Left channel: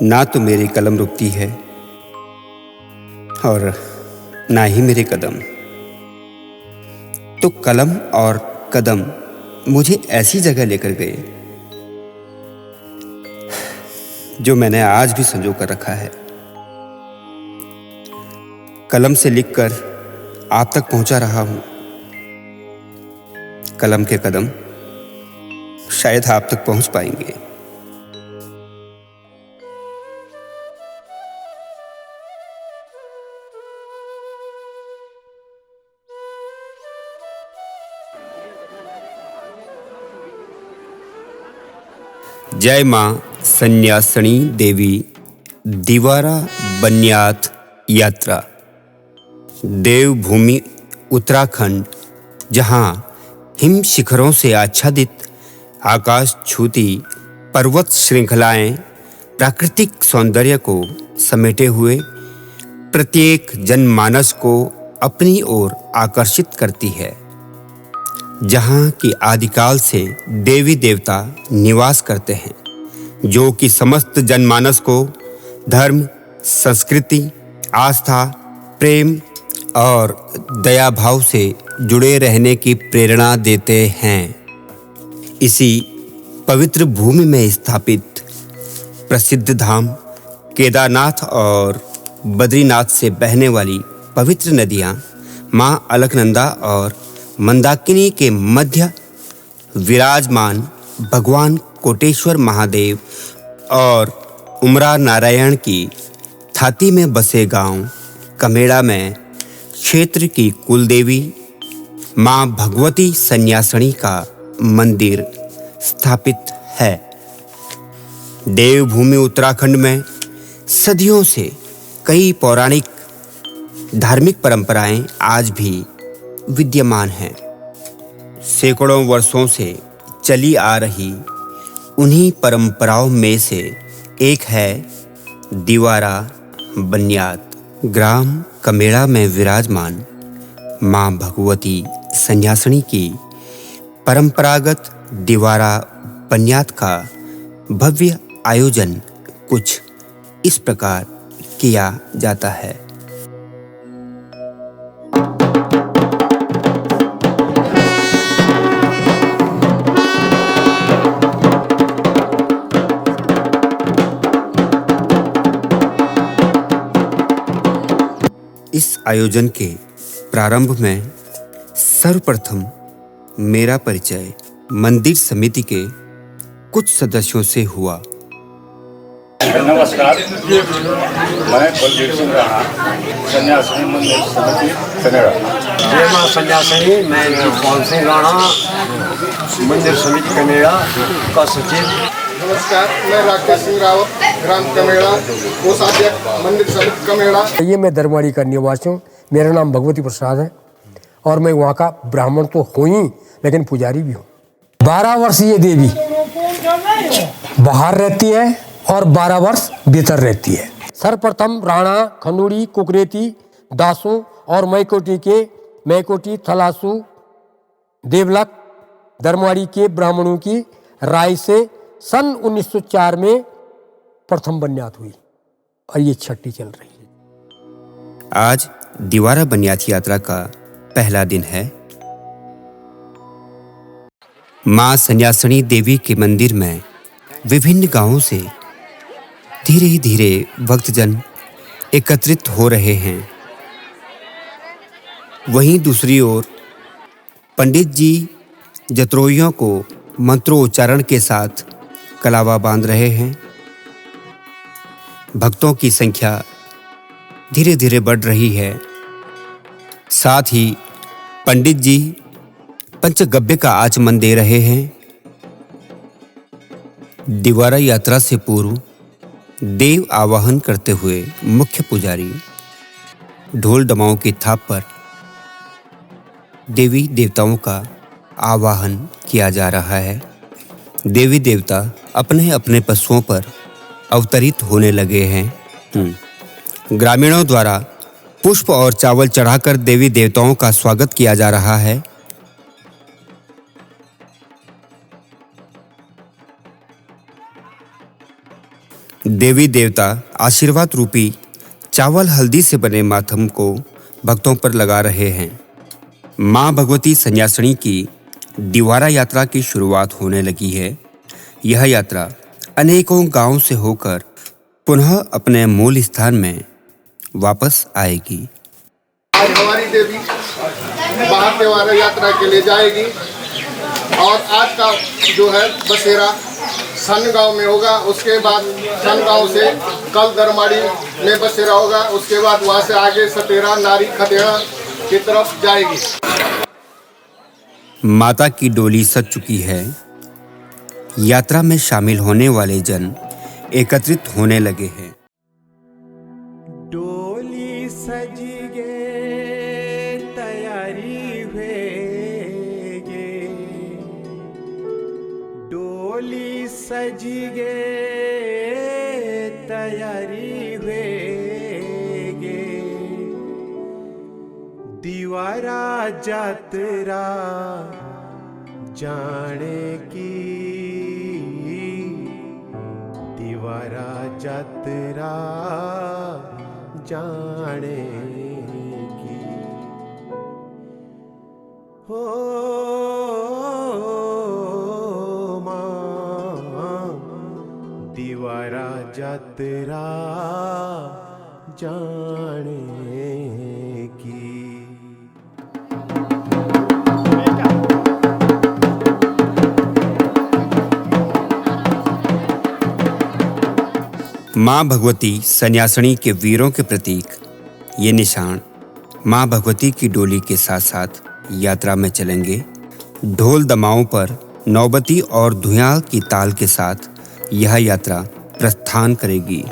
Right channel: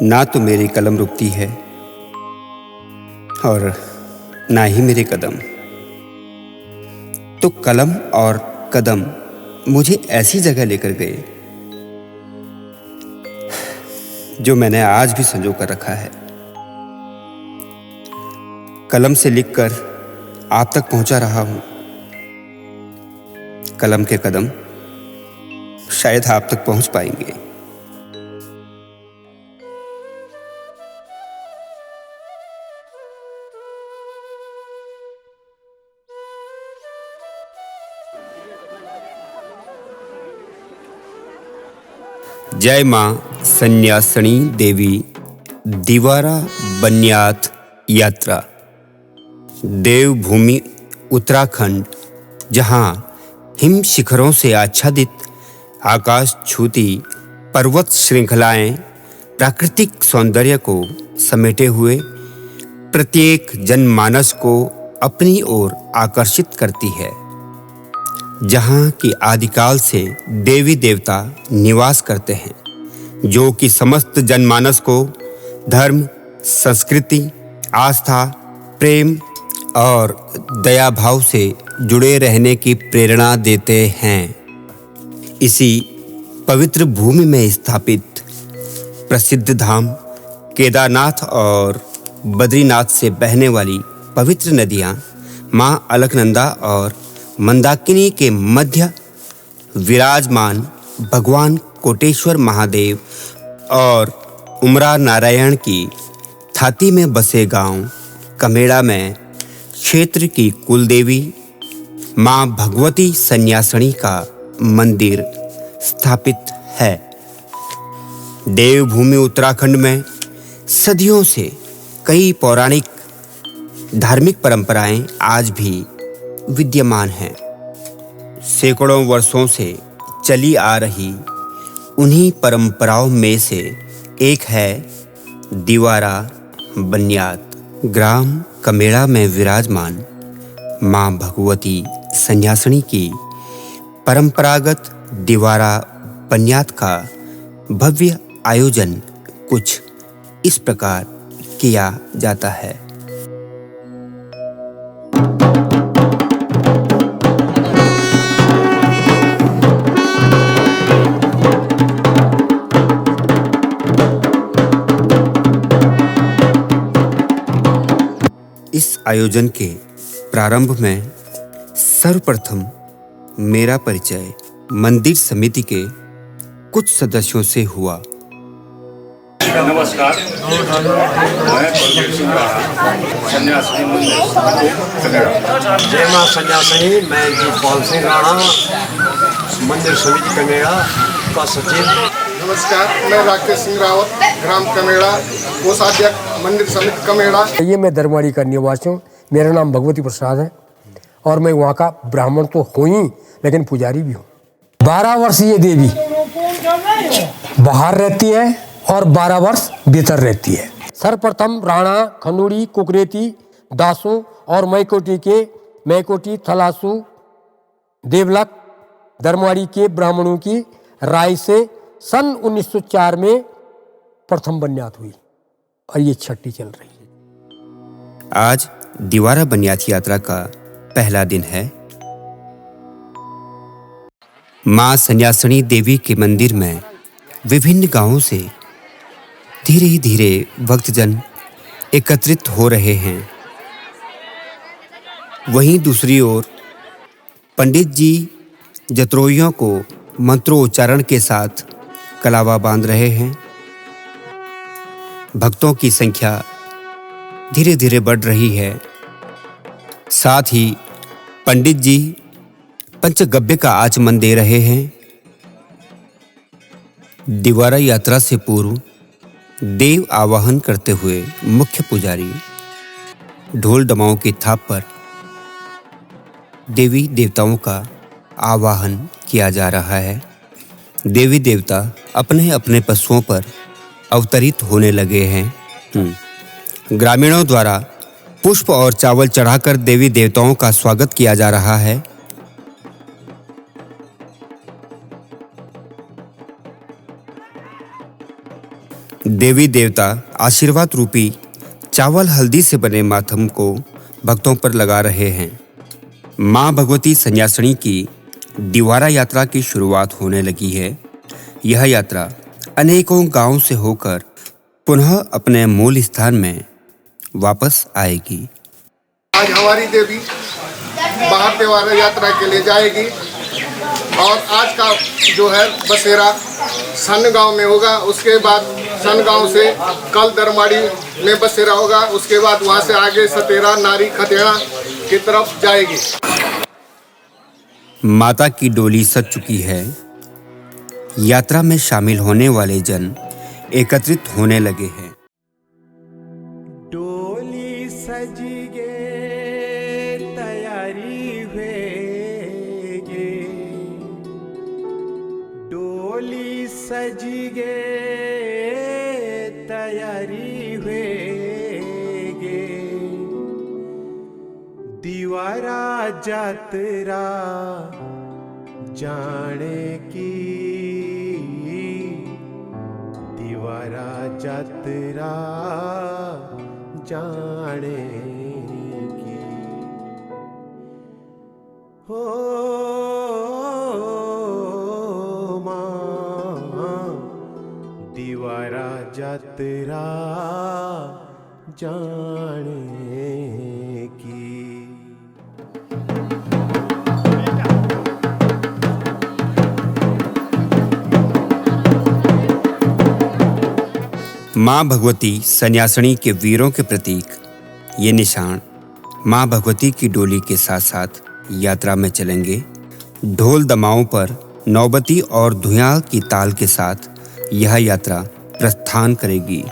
ना तो मेरी कलम रुकती है और ना ही मेरे कदम। तो कलम और कदम मुझे ऐसी जगह लेकर गए जो मैंने आज भी संजो कर रखा है। कलम से लिखकर आप तक पहुंचा रहा हूं। कलम के कदम शायद आप तक पहुंच पाएंगे। जय मां सन्यासिनी देवी दिवारा बन्यात यात्रा। देवभूमि उत्तराखंड, जहां हिम शिखरों से आच्छादित आकाश छूती पर्वत श्रृंखलाएं प्राकृतिक सौंदर्य को समेटे हुए प्रत्येक जनमानस को अपनी ओर आकर्षित करती है, जहां की आदिकाल से देवी देवता निवास करते हैं, जो कि समस्त जनमानस को धर्म, संस्कृति, आस्था, प्रेम और दया भाव से जुड़े रहने की प्रेरणा देते हैं। इसी पवित्र भूमि में स्थापित प्रसिद्ध धाम केदारनाथ और बद्रीनाथ से बहने वाली पवित्र नदियां मां अलकनंदा और मंदाकिनी के मध्य विराजमान भगवान कोटेश्वर महादेव और उमरा नारायण की थाती में बसे गांव कमेड़ा में क्षेत्र की कुलदेवी मां भगवती सन्यासिनी का मंदिर स्थापित है। देवभूमि उत्तराखंड में सदियों से कई पौराणिक धार्मिक परंपराएं आज भी विद्यमान हैं। सैकड़ों वर्षों से चली आ रही उन्हीं परंपराओं में से एक है दिवारा बन्यात। ग्राम कमेड़ा में विराजमान मां भगवती सन्यासिनी की परंपरागत दिवारा बन्यात का भव्य आयोजन कुछ इस प्रकार किया जाता है। इस आयोजन के प्रारंभ में सर्वप्रथम मेरा परिचय मंदिर समिति के कुछ सदस्यों से हुआ। नमस्कार, मैं बलबीर सिंह राणा, सन्यासिनी मंदिर समिति कनेड़ा। जय मां सन्यासिनी, मैं जीतपाल सिंह राणा, मंदिर समिति कमेड़ा का सचिव। नमस्कार, मैं राकेश सिंह रावत, ग्राम कमेड़ा, कोषाध्यक्ष, मंदिर समिति कमेड़ा। ये मैं दरवाड़ी का निवासी हूँ। मेरा नाम भगवती प्रसाद है और मैं वहाँ का ब्राह्मण तो हूँ ही, लेकिन पुजारी भी हूँ। 12 वर्ष ये देवी बाहर रहती है और 12 वर्ष भीतर रहती है। सर्वप्रथम राणा, खंडूड़ी, कुकरेती, दासों और मैकोटी, थलासू, देवलक, दरवाड़ी के ब्राह्मणों की राय से सन 1904 में प्रथम बन्यात हुई और ये छठी चल रही है। आज दिवारा बन्यात यात्रा का पहला दिन है। मां सन्यासिनी देवी के मंदिर में विभिन्न गांवों से धीरे धीरे भक्तजन एकत्रित हो रहे हैं। वहीं दूसरी ओर पंडित जी जत्रोइयों को मंत्रोच्चारण के साथ कलावा बांध रहे हैं। भक्तों की संख्या धीरे धीरे बढ़ रही है। साथ ही पंडित जी पंचगव्य का आचमन दे रहे हैं। दिवारा यात्रा से पूर्व देव आवाहन करते हुए मुख्य पुजारी ढोल डमाओं की थाप पर देवी देवताओं का आवाहन किया जा रहा है। देवी देवता अपने अपने पशुओं पर अवतरित होने लगे हैं। ग्रामीणों द्वारा पुष्प और चावल चढ़ाकर देवी देवताओं का स्वागत किया जा रहा है। देवी देवता आशीर्वाद रूपी चावल हल्दी से बने माथम को भक्तों पर लगा रहे हैं। मां भगवती सन्यासिनी की दिवारा यात्रा की शुरुआत होने लगी है। यह यात्रा अनेकों गांवों से होकर पुनः अपने मूल स्थान में वापस आएगी। आज हमारी देवी बाहर त्योहार यात्रा के लिए जाएगी और आज का जो है बसेरा सन गांव में होगा। उसके बाद सन गांव से कल दरमाड़ी में बसेरा होगा। उसके बाद वहां से आगे सतेरा नारी खतेड़ा की तरफ जाएगी। माता की डोली सज चुकी है। यात्रा में शामिल होने वाले जन एकत्रित होने लगे हैं। डोली सजी गे तैयारी हुएगे, डोली सजी गे तैयारी हुएगे, दीवारा जातरा जाने की, दीवारा जातरा जाने की। हो मां दीवारा जातरा जाने की। मां भगवती सन्यासिनी के वीरों के प्रतीक ये निशान मां भगवती की डोली के साथ साथ यात्रा में चलेंगे। ढोल दमाओं पर नौबती और धुयां की ताल के साथ यह यात्रा प्रस्थान करेगी।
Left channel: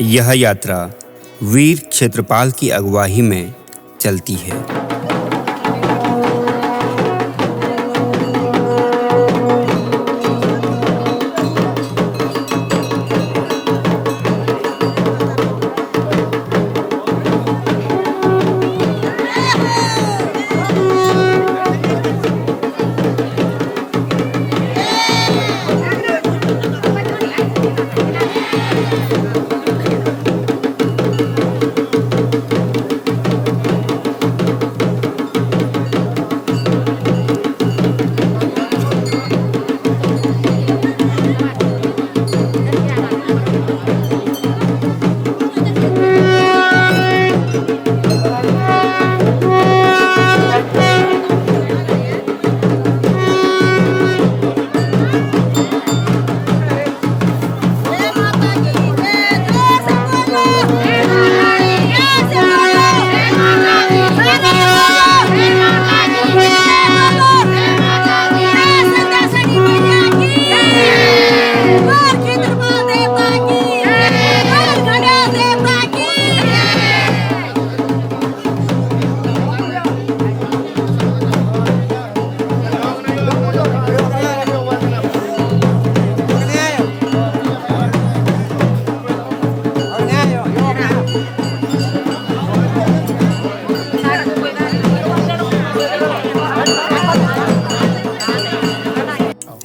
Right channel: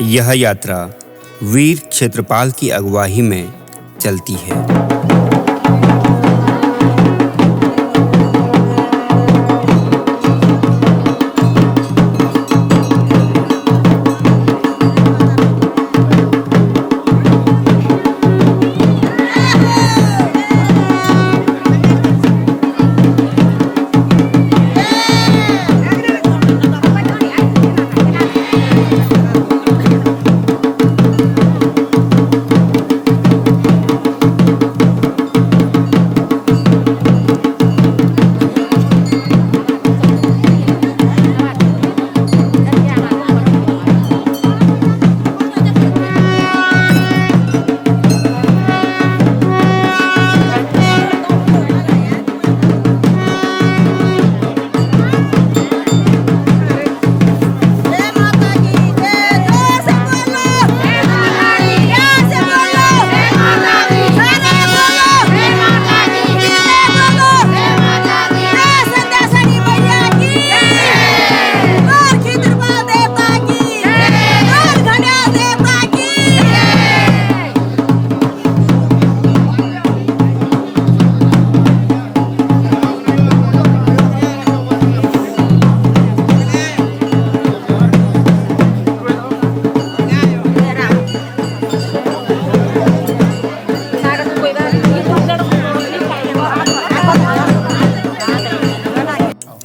यह यात्रा वीर क्षेत्रपाल की अगुवाई में चलती है।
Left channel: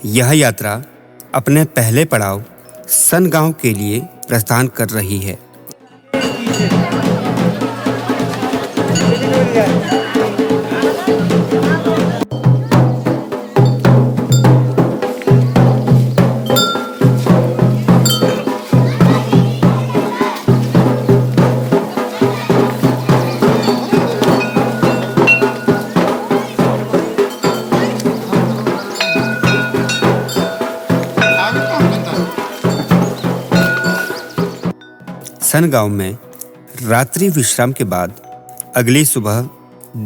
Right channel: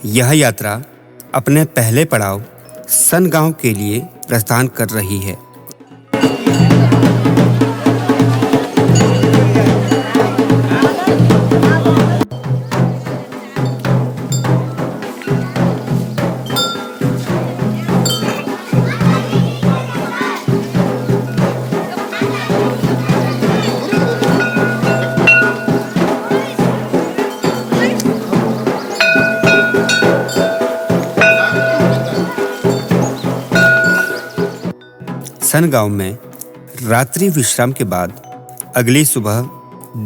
यह यात्रा अपने पहले पड़ाव सन गांव के लिए प्रस्थान कर रही है। सन गांव में रात्रि विश्राम के बाद अगली सुबह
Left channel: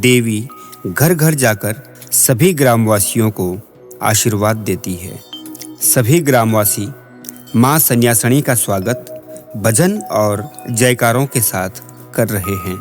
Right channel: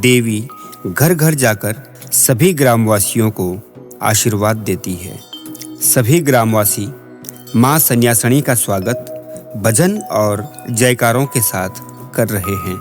देवी घर घर जाकर सभी ग्रामवासियों को आशीर्वाद देती है। सभी ग्रामवासी मां सन्यासिनी का स्वागत भजन और जयकारों के साथ कर रहे हैं।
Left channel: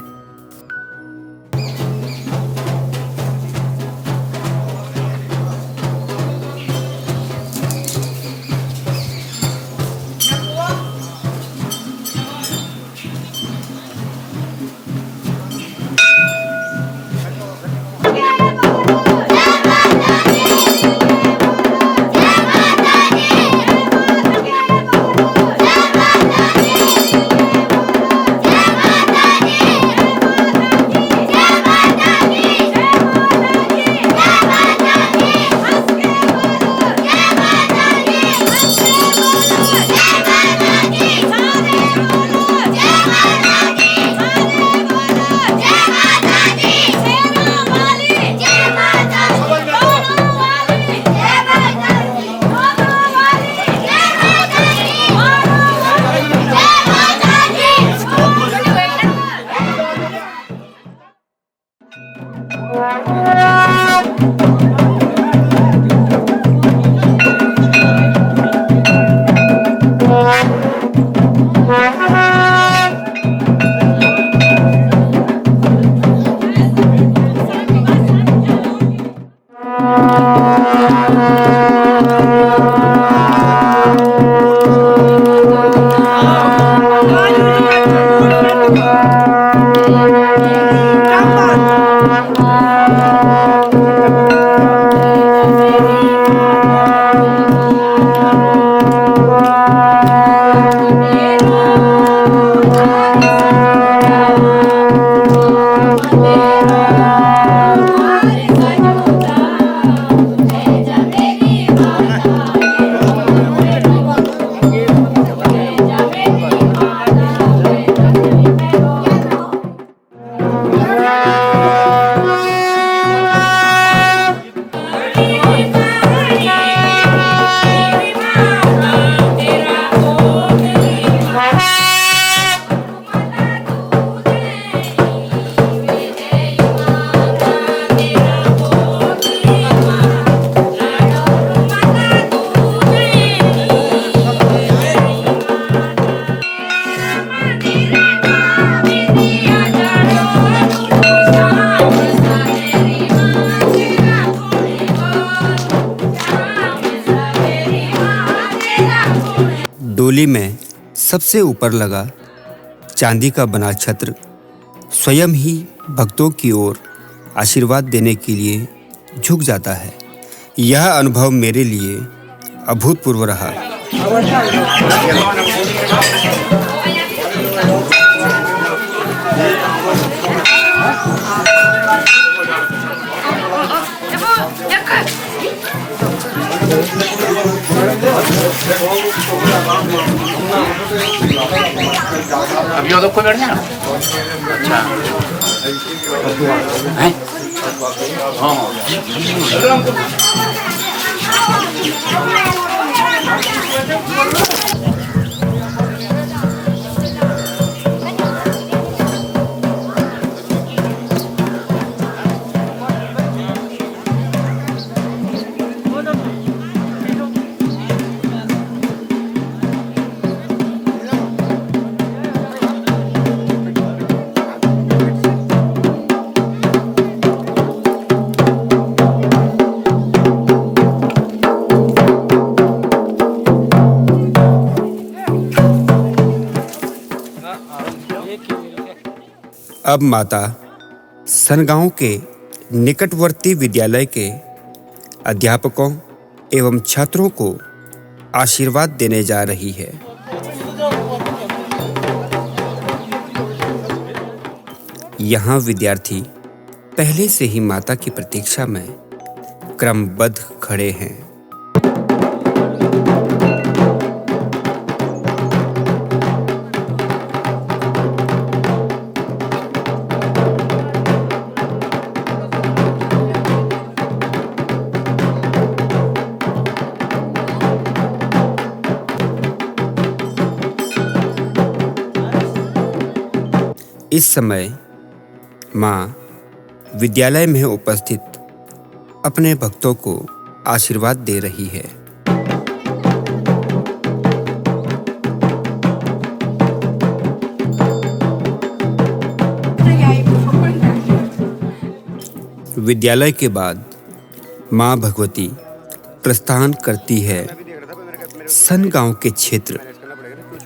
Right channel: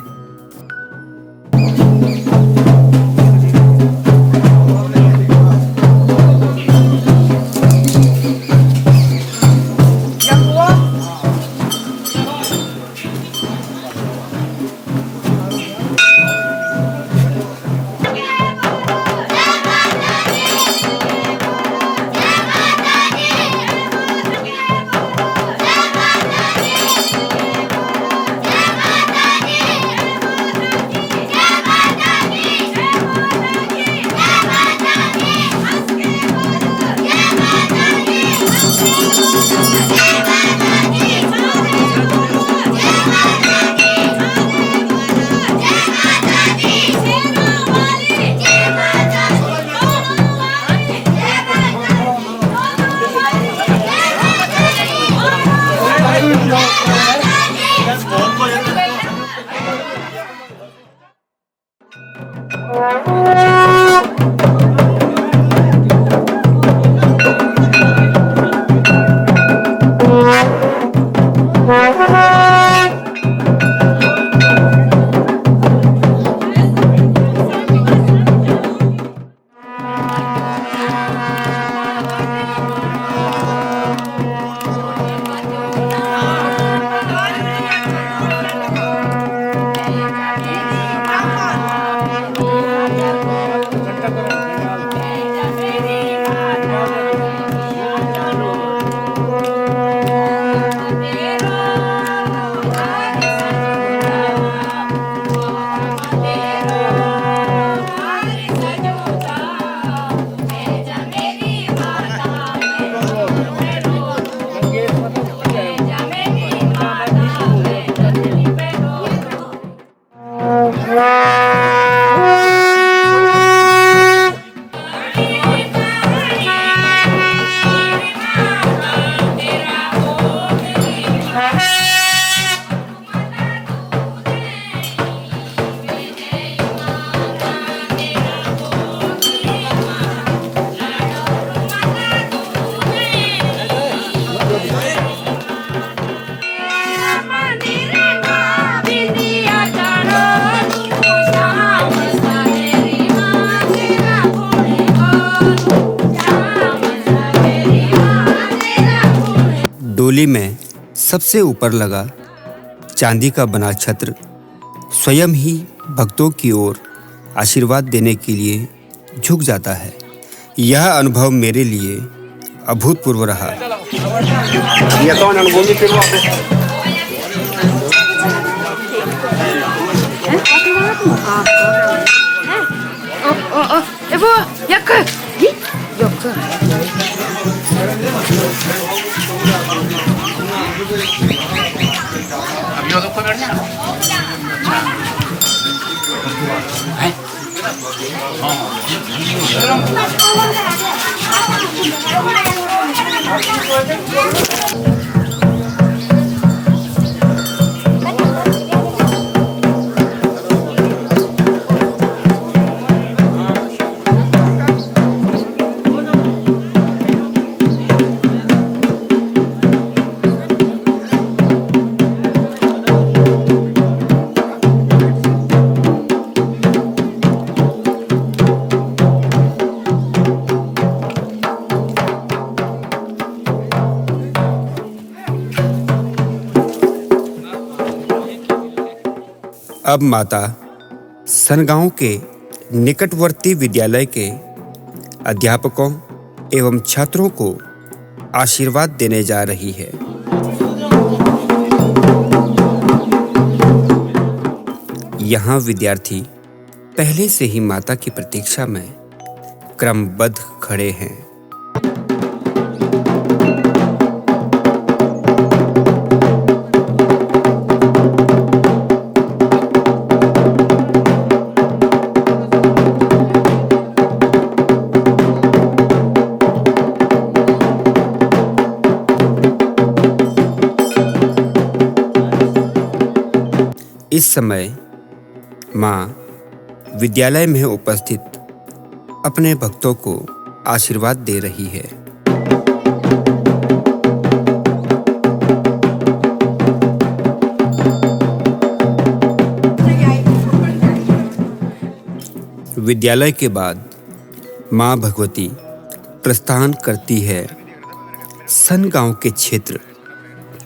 डोली में सबसे ऊपर लगा चांदी का बना छत्र स्वयं ही भक्तों की ओर आशीर्वाद देने के लिए झुक जाता है। यह अनुभव मेरे लिए अभूतपूर्व रहा। अब माता सनगांव के निकटवर्ती विद्यालय के अध्यापकों एवं छात्रों को आशीर्वाद देने जा रही है। यहाँ विद्यार्थी पहले से ही माता की प्रतीक्षा में क्रमबद्ध खड़े हैं। इस समय माँ विद्यालय में उपस्थित अपने भक्तों को आशीर्वाद दे रही है। विद्यालय के बाद माँ भगवती प्रस्थान करती है सन गांव के क्षेत्र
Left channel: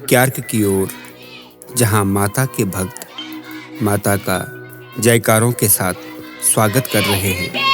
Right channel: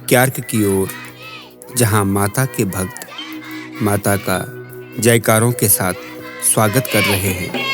क्यार्क की ओर, जहां माता के भक्त माता का जयकारों के साथ स्वागत कर रहे हैं।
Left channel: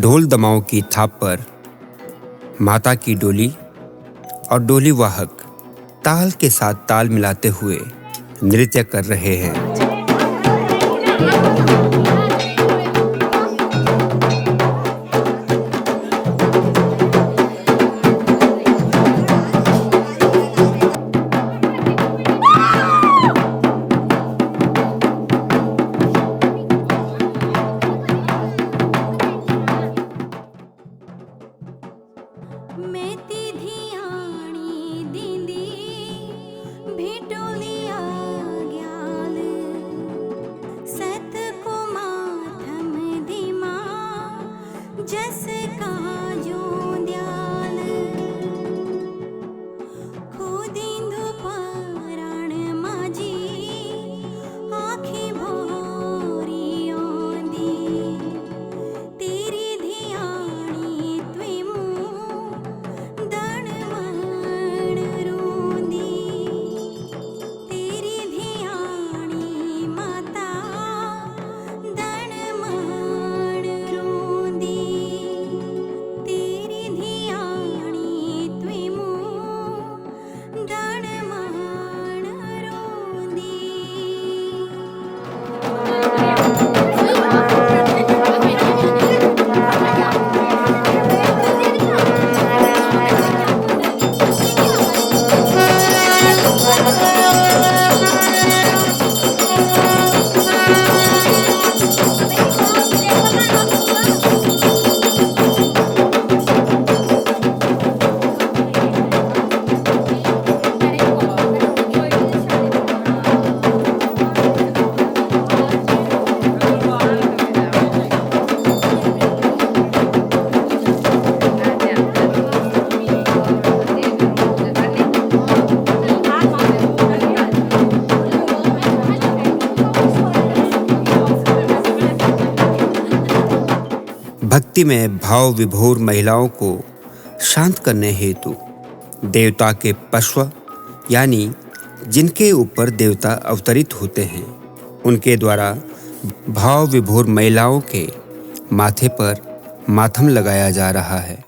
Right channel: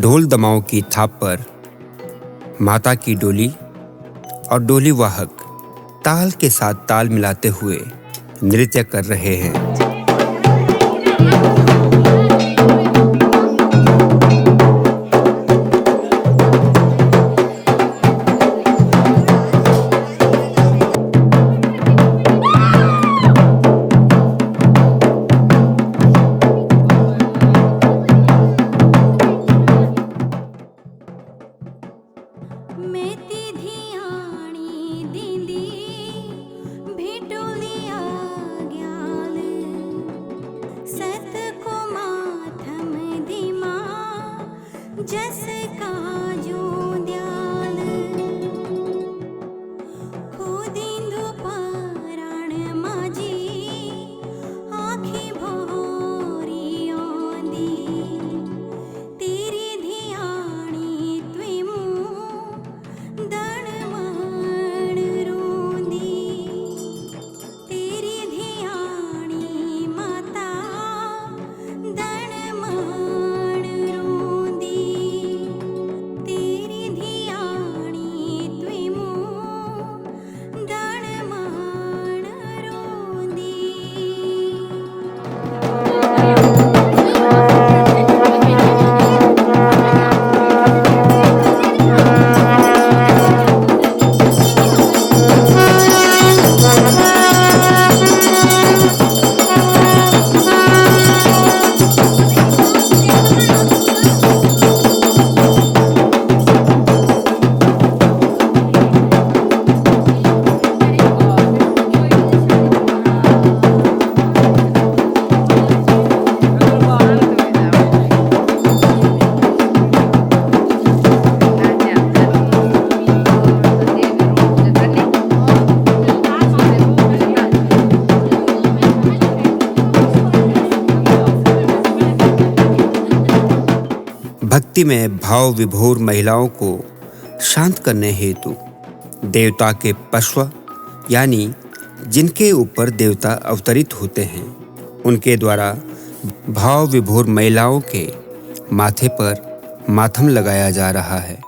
ढोल दमाओं की थाप पर माता की डोली और डोली वाहक ताल के साथ ताल मिलाते हुए नृत्य कर रहे हैं। भक्ति में भाव विभोर महिलाओं को शांत करने हेतु देवता के पश्व यानी जिनके ऊपर देवता अवतरित होते हैं, उनके द्वारा भाव विभोर महिलाओं के माथे पर मातम लगाया जा रहा है।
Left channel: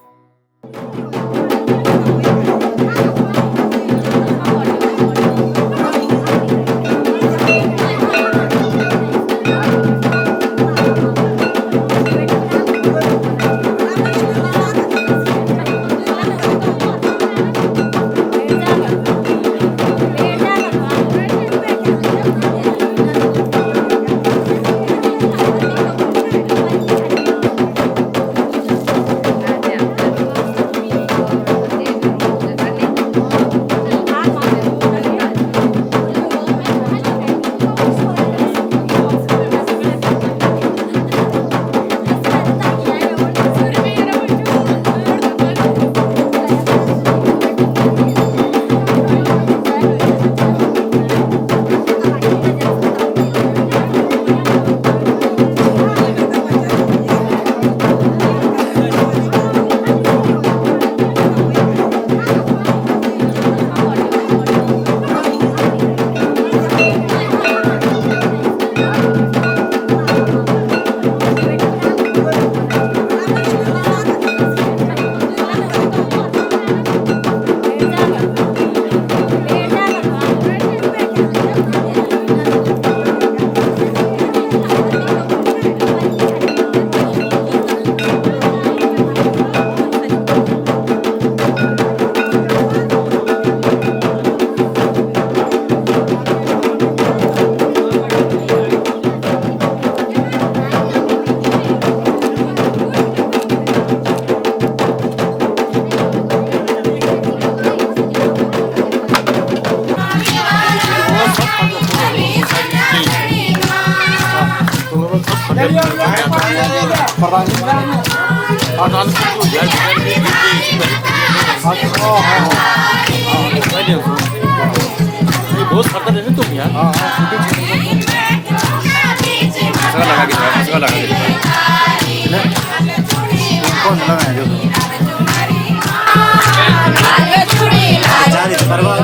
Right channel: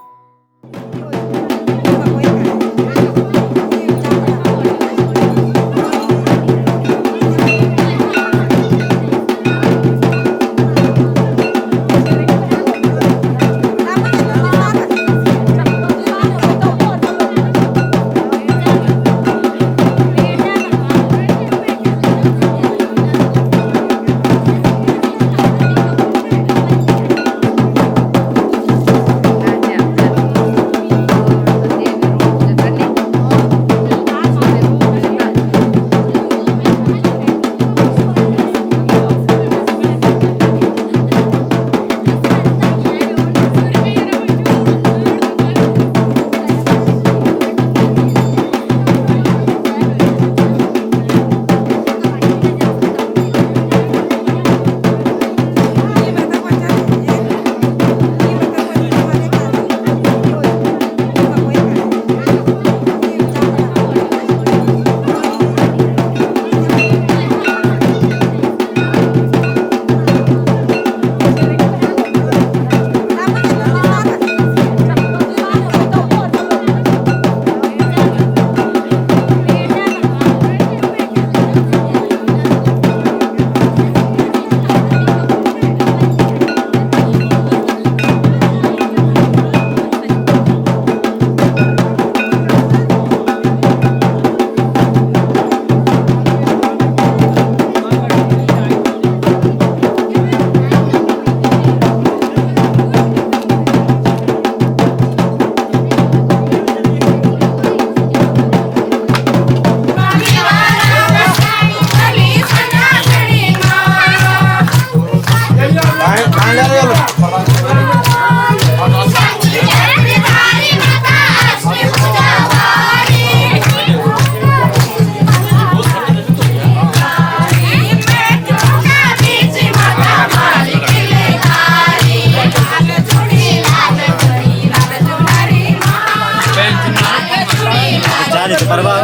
चालीस परवा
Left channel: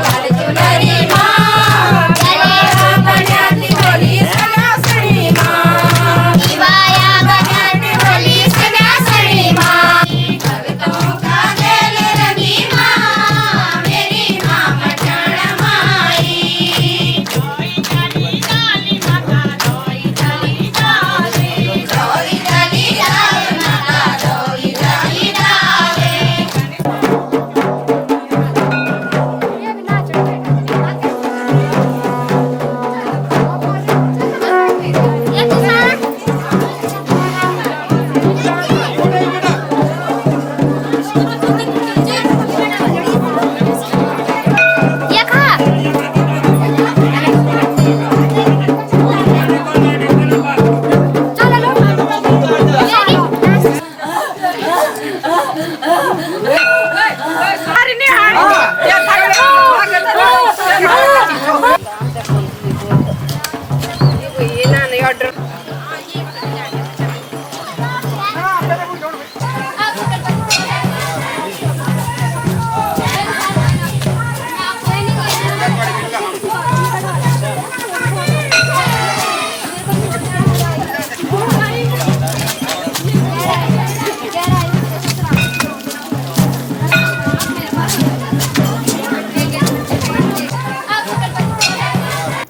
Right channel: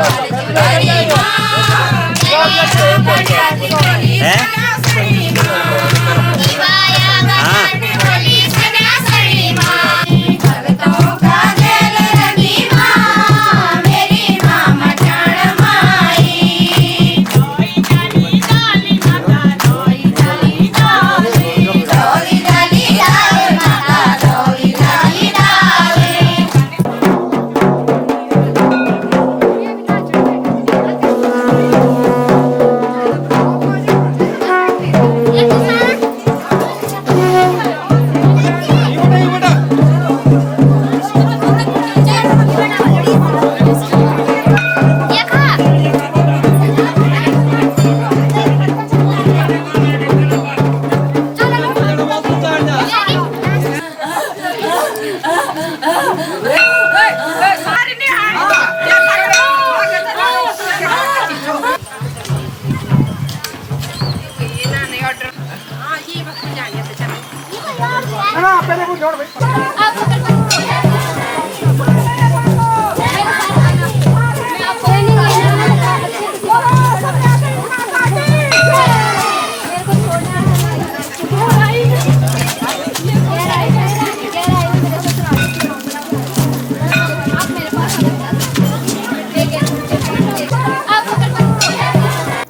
है हाँ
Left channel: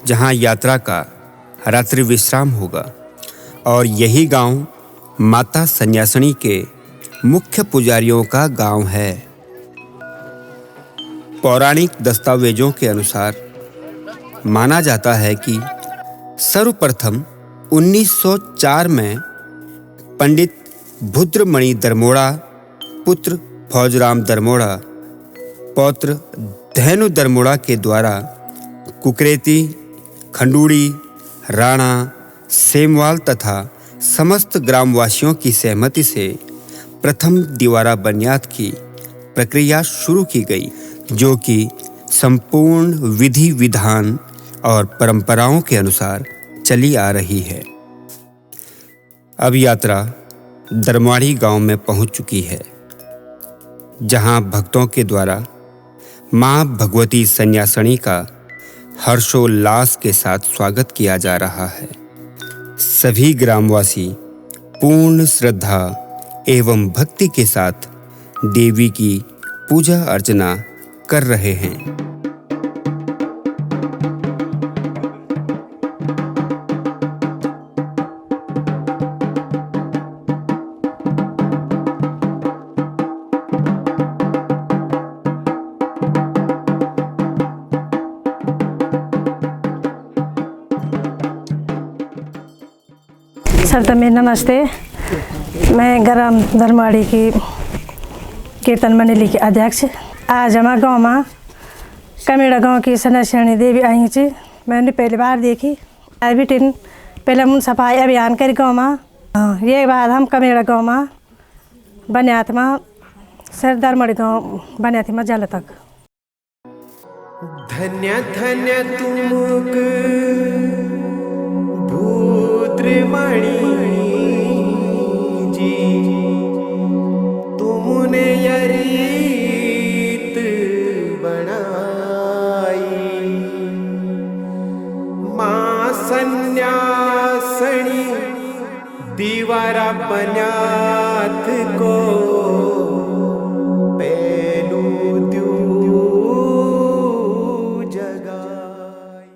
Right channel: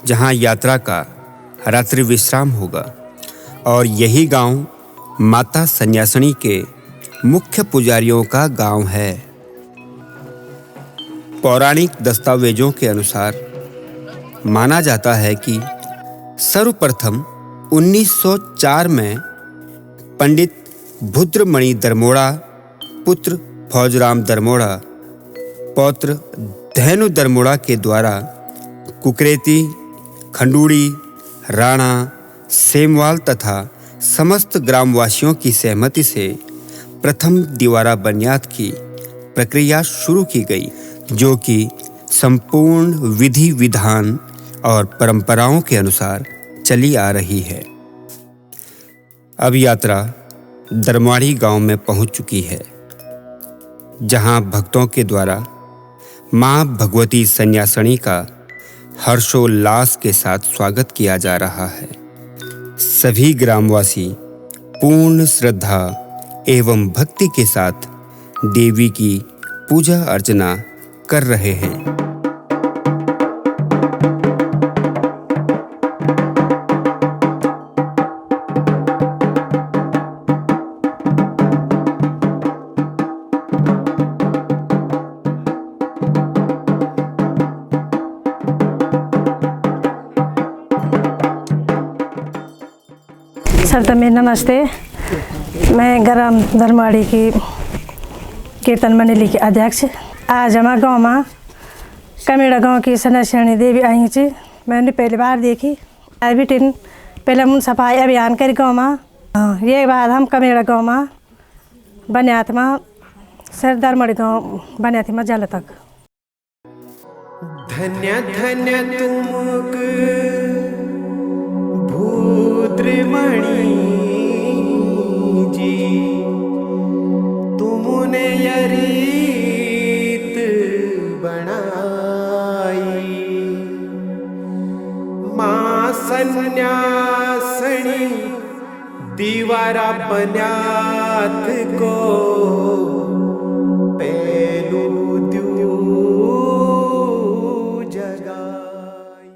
जहां यात्रा का रात्रि विश्राम होगा और यही गांव माता सन्यासिनी के मुख्य पुजारियों का गांव है। पौराणिक दस्तावेजों के अनुसार माना जाता है कि सर्वप्रथम 1904 में पंडित भुद्रमणि दरमोड़ा पुत्र फौजराम दरमोड़ा पौत्र धैनु दरमोड़ा के द्वारा कुकरेती, खंडूड़ी, राणा, सेमवाल तथा समस्त ग्रामवासियों की सहमति से प्रथम दीवारा बनियाद की प्रक्रिया शुरू की गई, जो कि संपूर्ण विधि विधान और परंपराओं के अनुसार चली आ रही है। अब यात्रा दरमाड़ी गांव में पहुंच चुकी है, जहां भक्तों के द्वारा मां भगवती सन्यासिनी का हर्षोल्लास के साथ स्वागत किया जा रहा है। सभी ग्रामवासी पूर्ण श्रद्धा एवं भक्ति के साथ देवी की पूजा अर्चना कर रहे हैं। सर तमें नमस्ते। मैं ग्राम दरमाड़ी की कीर्तन मंडली की अध्यक्ष। आज हमारे गाँव में कमेड़ा गांव की सन्यासिनी देवी आई थी। मैंने पहली बार देखी। अभी पहले मुन सफाई अभियान कर गाँव में। ये बाद हम कमेड़ा गाँव में बनियात में सर दरमाड़ी गाँव बनियात में जल तक। धन्य धन्य तुमक भूद्रमणि जी, तुमने यह रीत बनाई। मां सन्यासिनी दीवारा बन्यात को पहलू द्यू जगाई।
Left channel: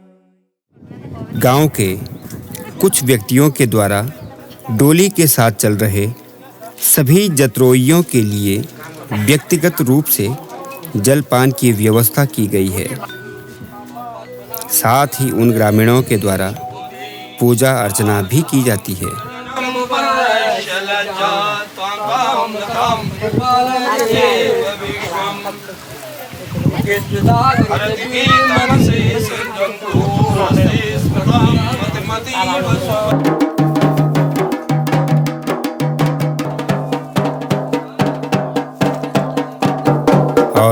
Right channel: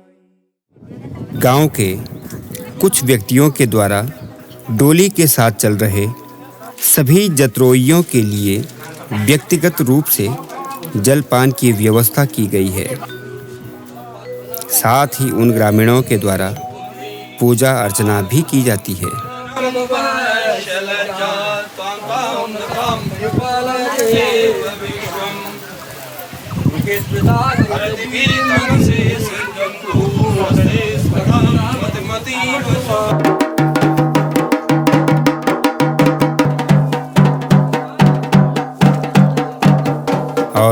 गांव के कुछ व्यक्तियों के द्वारा डोली के साथ चल रहे सभी जत्रोइयों के लिए व्यक्तिगत रूप से जलपान की व्यवस्था की गई है। साथ ही उन ग्रामीणों के द्वारा पूजा अर्चना भी की जाती है।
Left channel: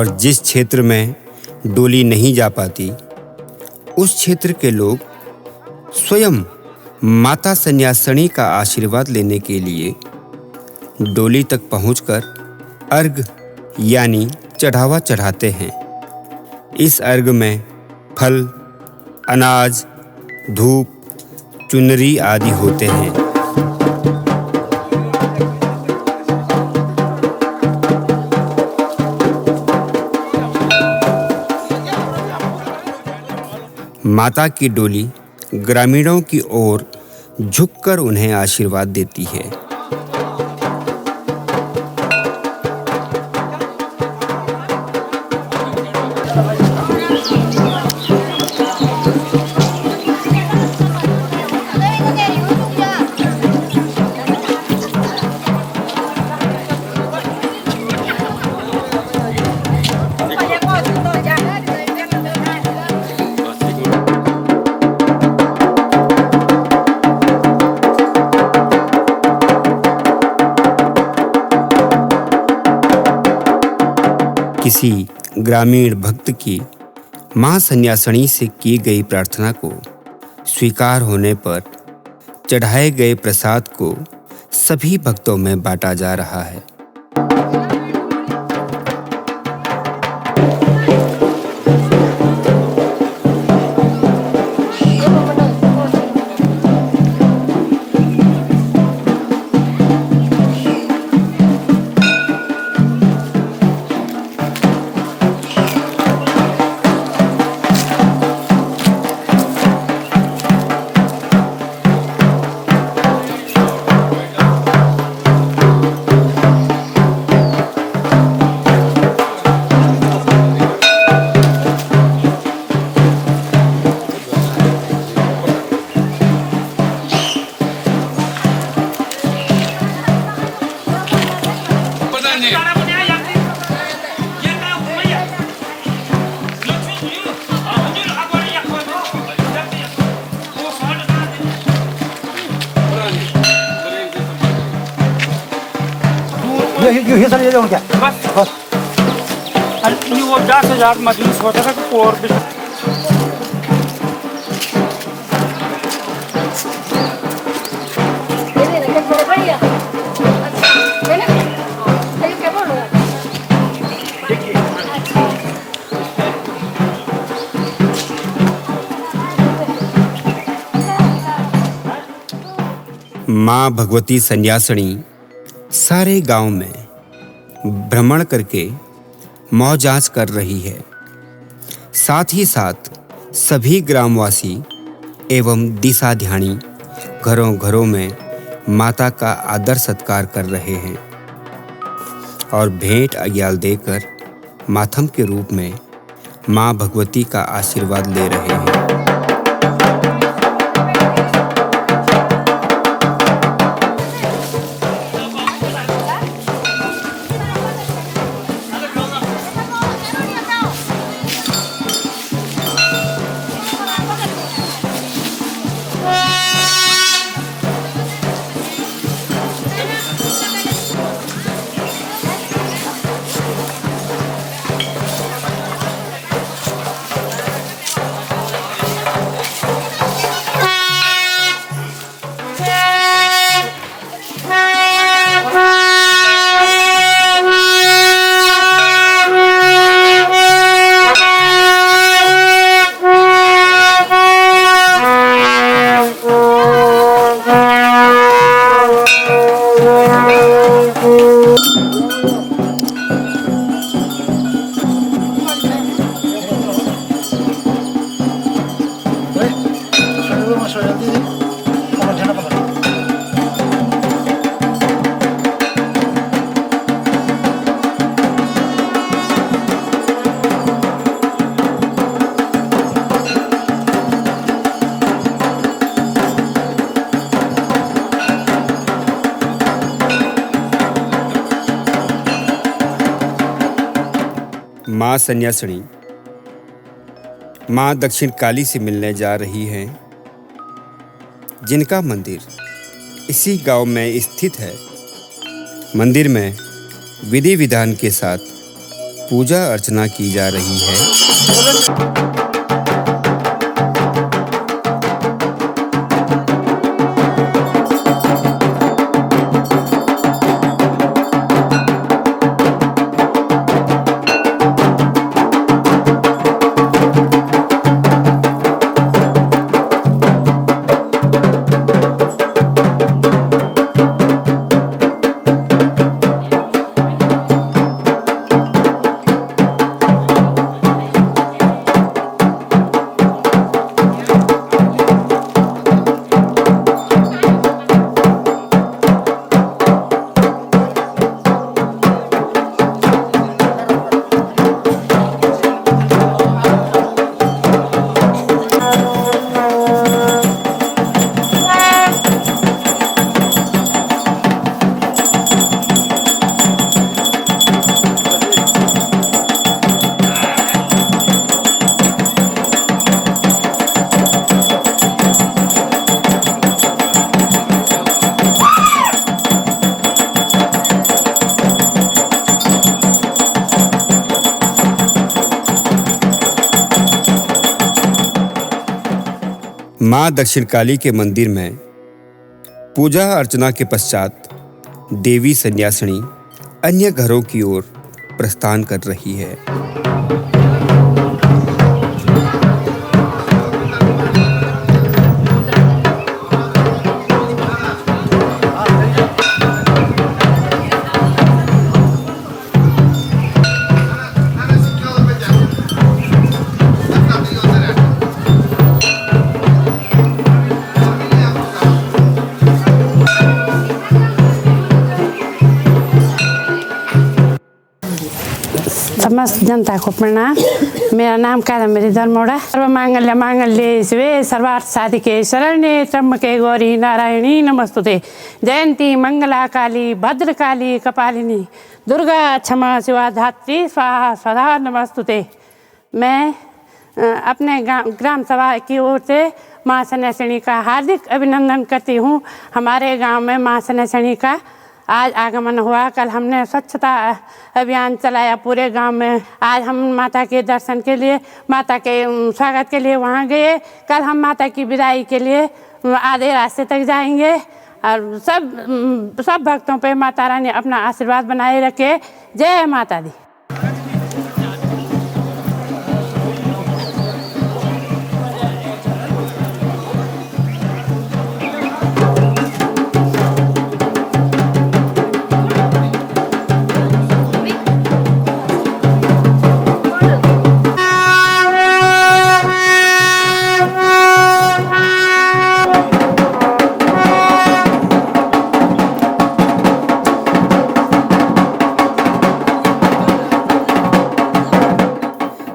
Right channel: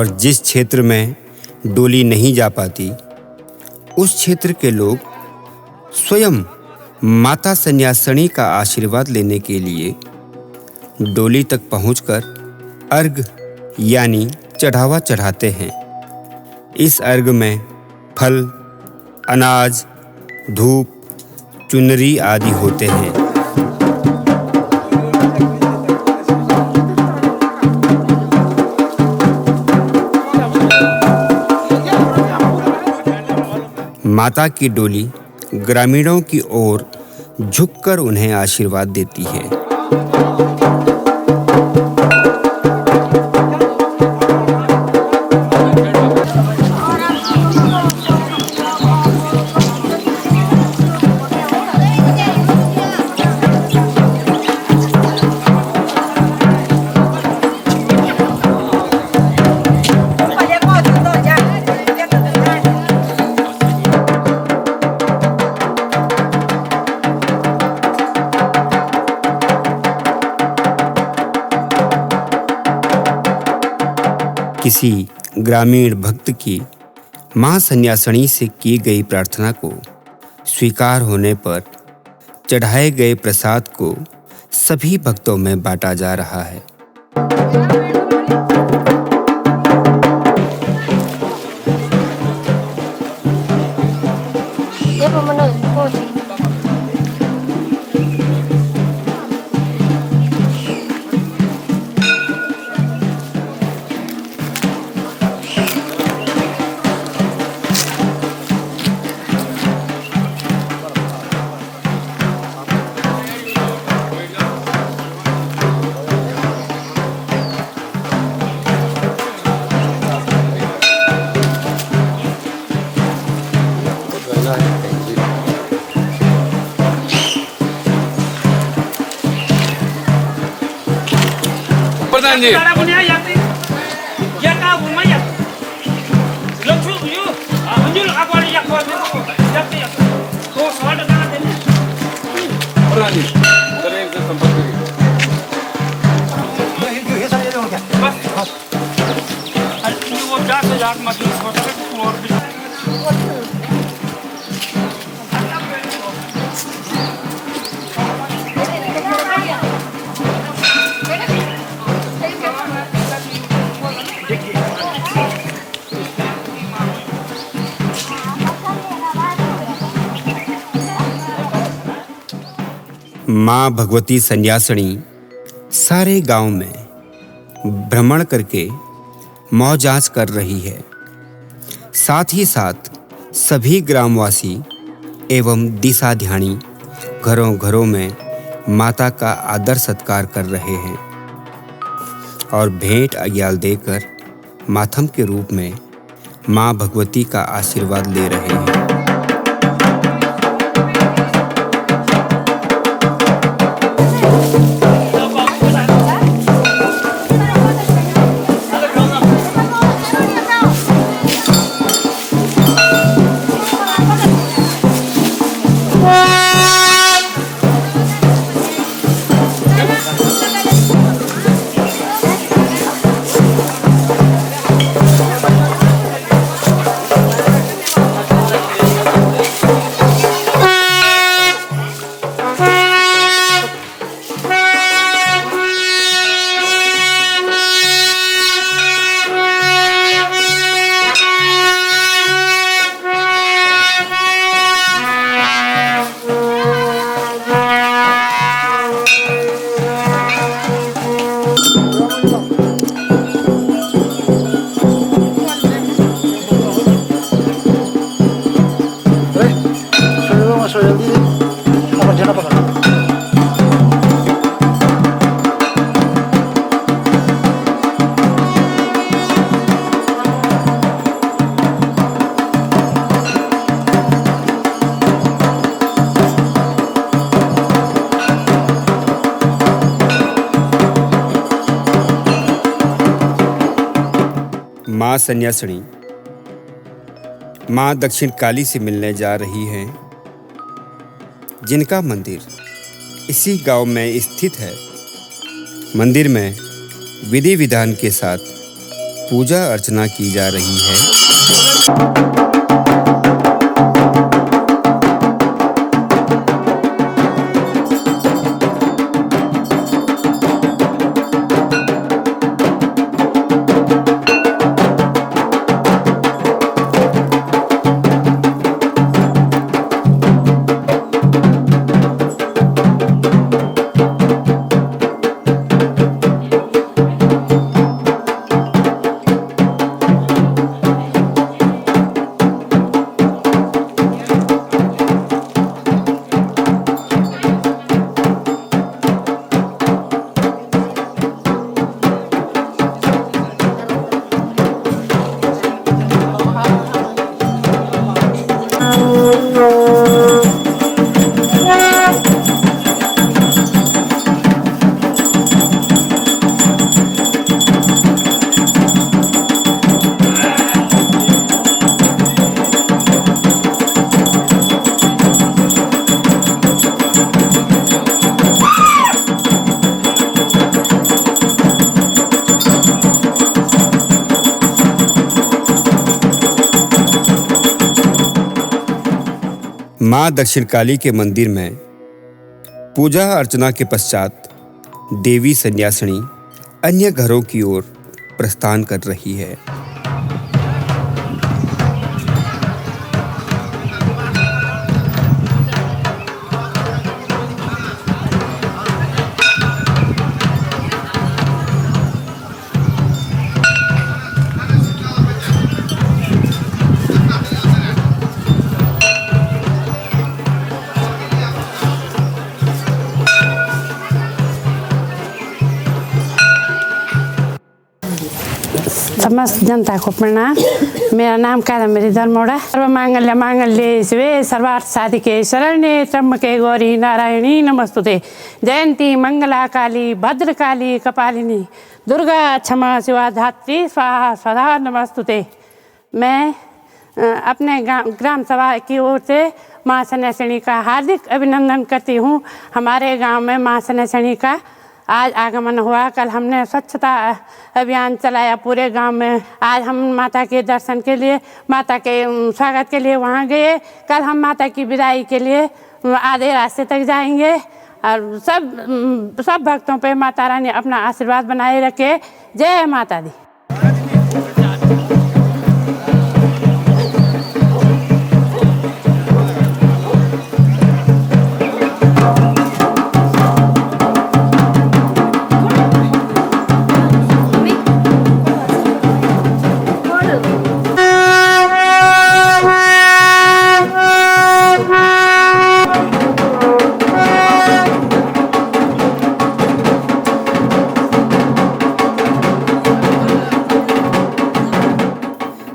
और जिस क्षेत्र में डोली नहीं जा पाती उस क्षेत्र के लोग स्वयं माता सन्यासिनी का आशीर्वाद लेने के लिए डोली तक पहुंचकर अर्घ यानी चढ़ावा चढ़ाते हैं। इस अर्घ में फल, अनाज, धूप, चुनरी आदि होते हैं। माता की डोली ग्रामीणों की ओर झुककर उन्हें आशीर्वाद देती है। किसी ग्रामीण भक्त की मां सन्यासिनी से की गई प्रार्थना को स्वीकार होने पर चढ़ाए गए प्रसाद को सभी भक्तों में बांटा जा रहा है। माँ भगवती सन्यासिनी सारे गांव में भ्रमण करके मौ जांच कर रही है। साथ ही साथ सभी ग्रामवासी एवं दिशाध्यानी घरों घरों में माता का आदर सत्कार कर रहे हैं और भेंट अग्याल देकर माथम के रूप में माँ भगवती का आशीर्वाद ले रहे हैं। माँ सन्यासिनी माँ दक्षिण काली से मिलने जा रही हैं, जिनका मंदिर इसी गांव में स्थित है। मंदिर में विधि विधान के साथ पूजा अर्चना की जा रही है। मां दक्षिणकाली के मंदिर में पूजा अर्चना के पश्चात देवी सन्यासिनी अन्य घरों की ओर प्रस्थान कर रही है। समस्त जनता को प्रणाम। मेरा नाम कादम्बरी धर्मोड़ा। सर्वमांगल्य मांगल्ये शिवे सर्वार्थ साधिके शरण्ये त्र्यंबके गौरी नारायणी नमस्तुते। जयंती मंगला काली भद्रकाली कपालिनी दुर्गा क्षमा शिवा धात्री स्वाहा स्वधा नमस्तुते। मैं अपने ग्राम सभा की ओर से माँ सन्यासिनी का हार्दिक अभिनंदन करती हूँ। हमारे गांव में माँ सन्यासिनी का आज आगमन हुआ। कल हमने स्वच्छता अभियान चलाया पूरे गांव में। आज हम माता के दर्शन के लिए, माता के स्वागत के लिए वहां गए। कल हम माता की विदाई के लिए आधे रास्ते तक जाएंगे। और सब भक्तों पे माता रानी अपना आशीर्वाद बनाए रखे। जय माता दी।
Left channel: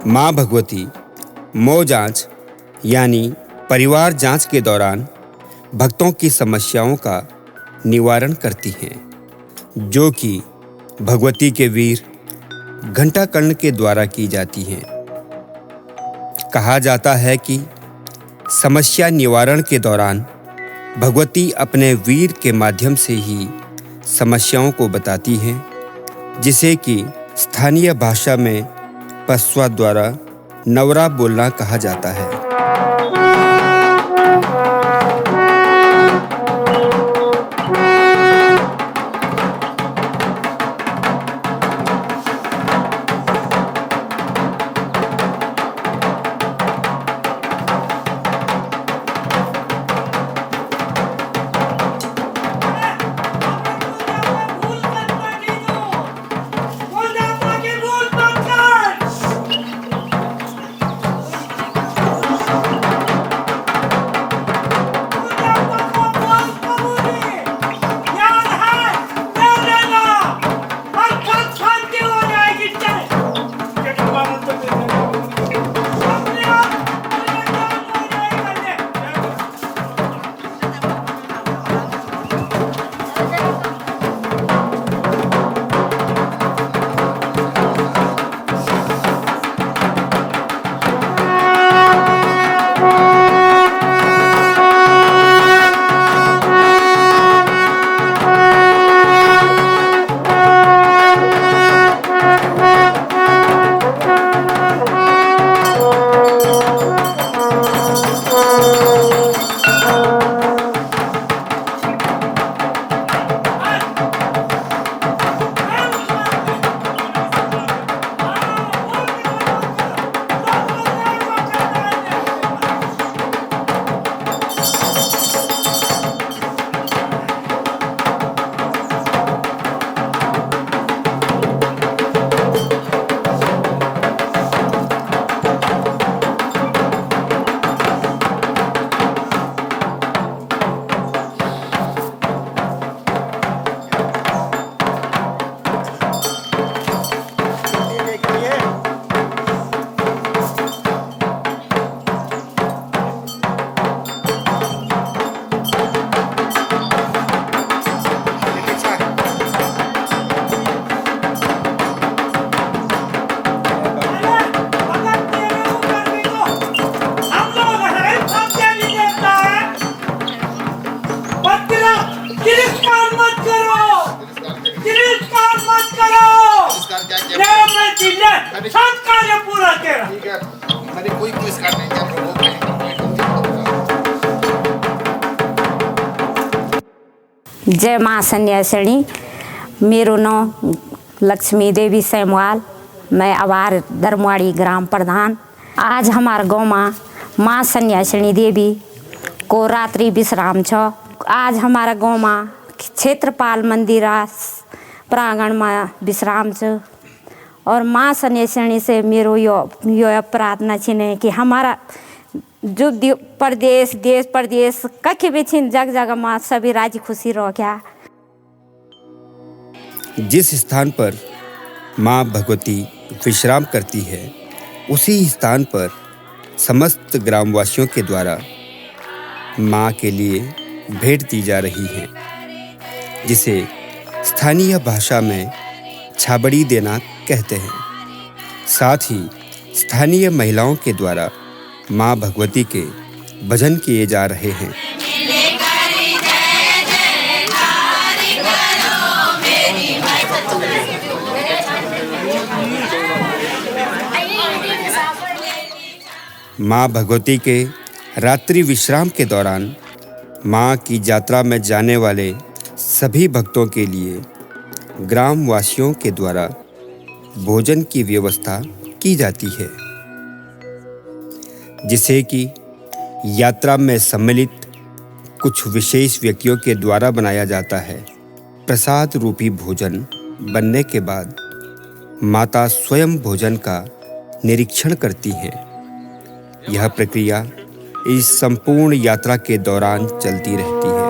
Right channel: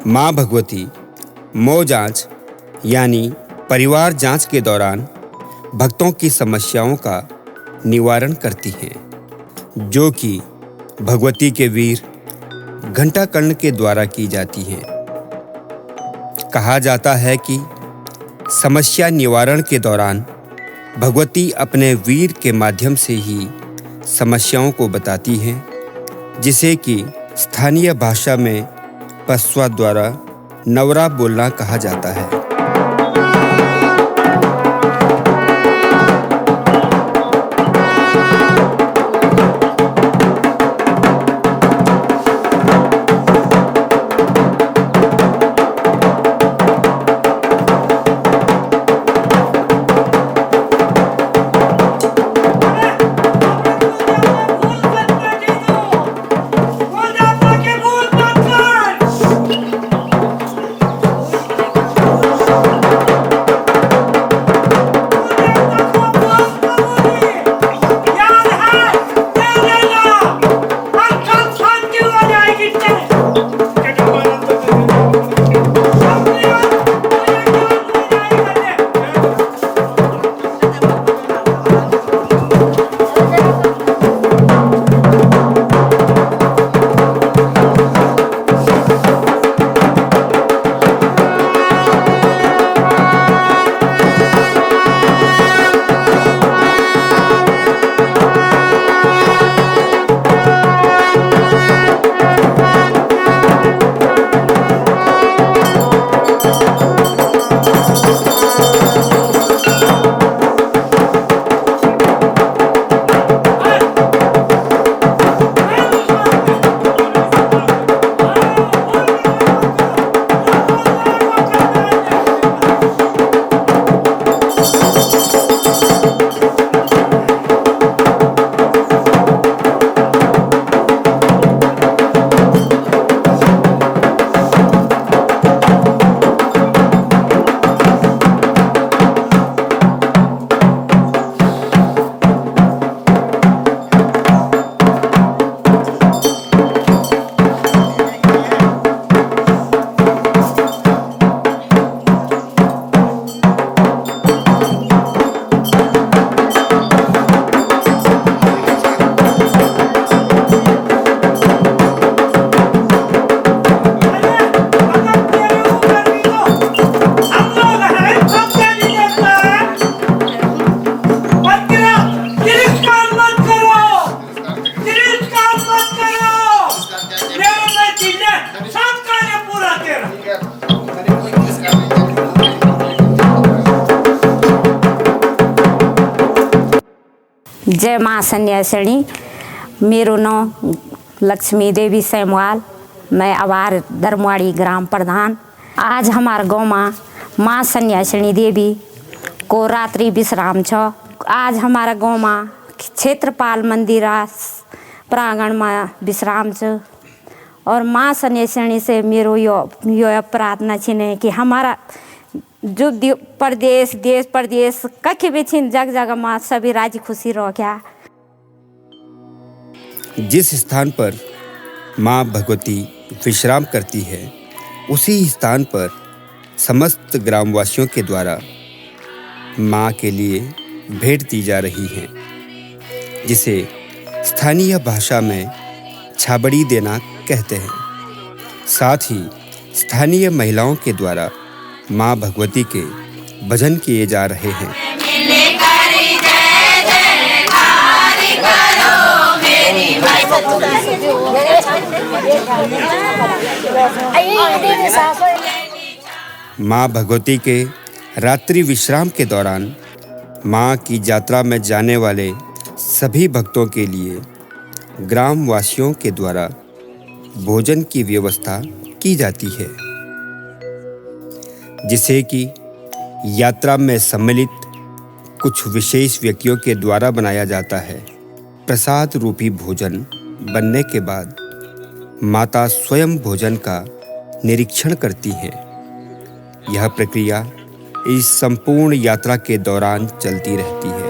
माँ भगवती मौ जांच यानी परिवार जांच के दौरान भक्तों की समस्याओं का निवारण करती हैं, जो कि भगवती के वीर घंटाकर्ण के द्वारा की जाती हैं। कहा जाता है कि समस्या निवारण के दौरान भगवती अपने वीर के माध्यम से ही समस्याओं को बताती हैं, जिसे कि स्थानीय भाषा में पस्वा द्वारा नवरा बोलना कहा जाता है। ठीक है, मैंने कोई पुरस्कार नहीं किया प्रभु, कहीं कोई जय माँ सन्यासिनी। मेरो नाम लक्ष्मी देवी सैमवाल, मैं आवार दरमवाड़ी ग्राम प्रधान। आज हमारे गाँव में माँ सन्यासिनी देवी को रात्रि विश्राम छ। आज हमारा गाँव में क्षेत्रपाल मंदिर प्रांगण में विश्राम छ और माँ सन्यासिनी से मेरो यो प्रार्थना छिने कि हमारा जो प्रदेश देश प्रदेश कहीं भी छिन जग जगह में सभी राजी खुशी रहो क्या। जिस स्थान पर माँ भगवती विश्राम करती है उसी स्थान पर समस्त ग्रामवासियों के द्वारा माँ के लिए भेंट दी जा रही है, जिसे स्थानीय भाषा में छाबड़ी देना कहते हैं। साथ ही स्थानीय महिलाओं के द्वारा माँ भगवती के भजन किए जा रहे हैं। माँ भगवती के रात्रि विश्राम के दौरान माँ की यात्रा में जाने वाले सभी भक्तों के लिए ग्रामवासियों के द्वारा भोजन की व्यवस्था की जाती है, जिसे कि यात्रा में सम्मिलित कुछ विशेष व्यक्तियों के द्वारा बनाया जाता है। प्रसाद रूपी भोजन बनने के बाद माता स्वयं भोजन का निरीक्षण करती हैं। यह प्रक्रिया इस संपूर्ण यात्रा के दौरान चलती रहती है।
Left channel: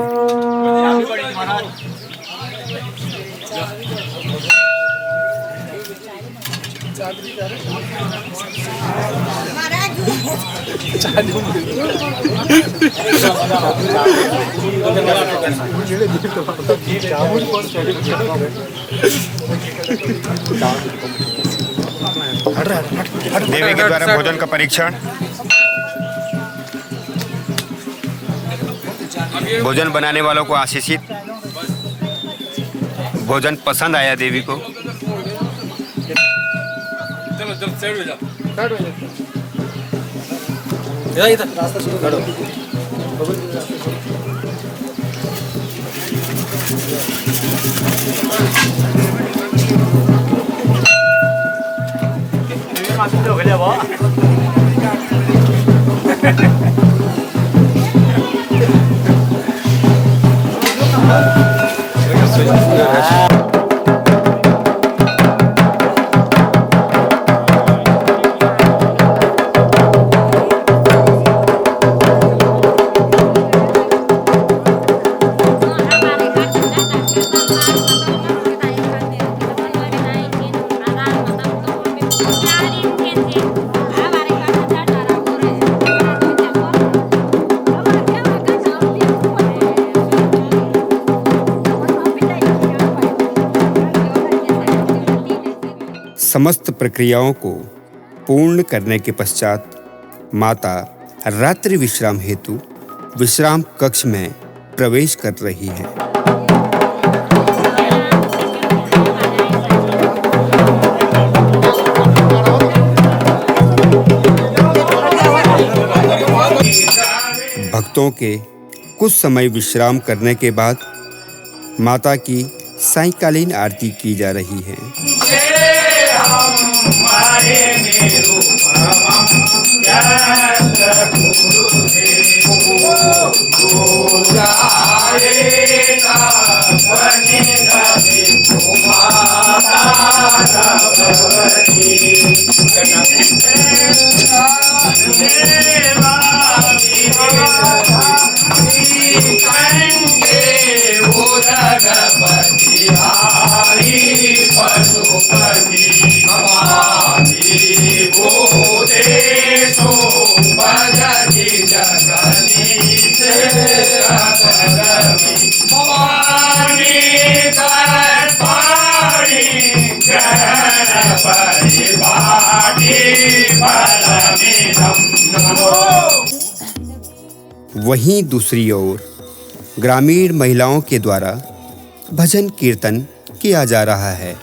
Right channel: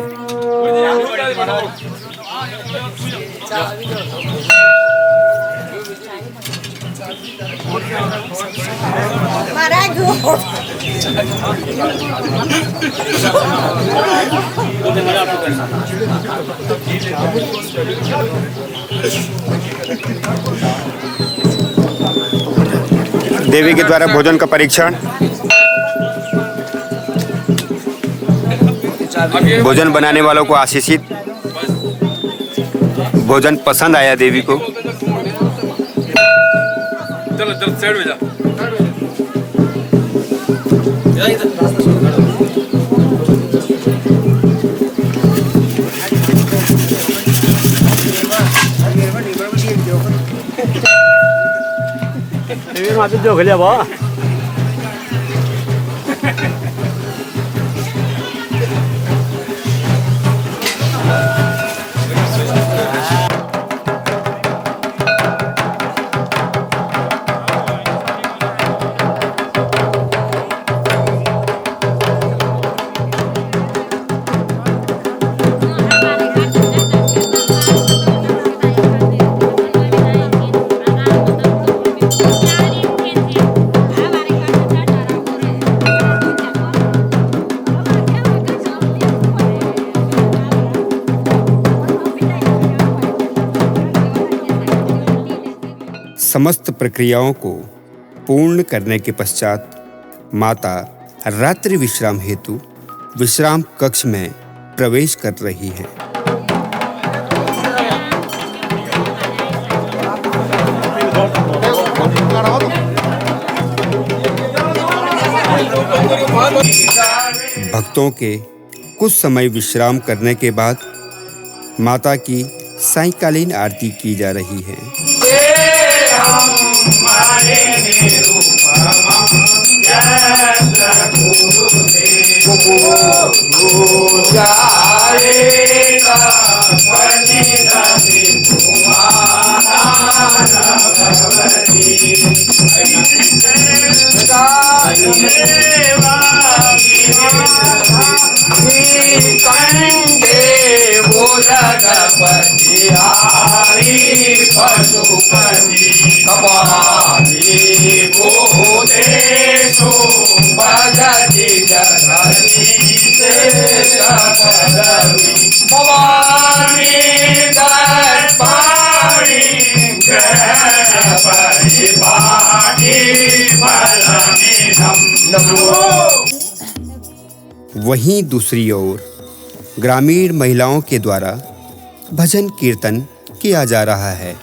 देवी के द्वारा भोजन का परीक्षण। भोजन बनाने वालों को आशीषित। भोजन पसंद आया देवी को। चलो चलो साइड में जा। समस्त प्रक्रियाओं को पूर्ण करने के पश्चात माता रात्रि विश्राम हेतु विश्राम कक्ष में प्रवेश कर रही हैं। भक्तों के कुछ समय विश्राम करने के बाद माता की सायंकालीन आरती की जा रही है। वहीं दूसरी ओर ग्रामीण महिलाओं के द्वारा भजन कीर्तन किया जा रहा है।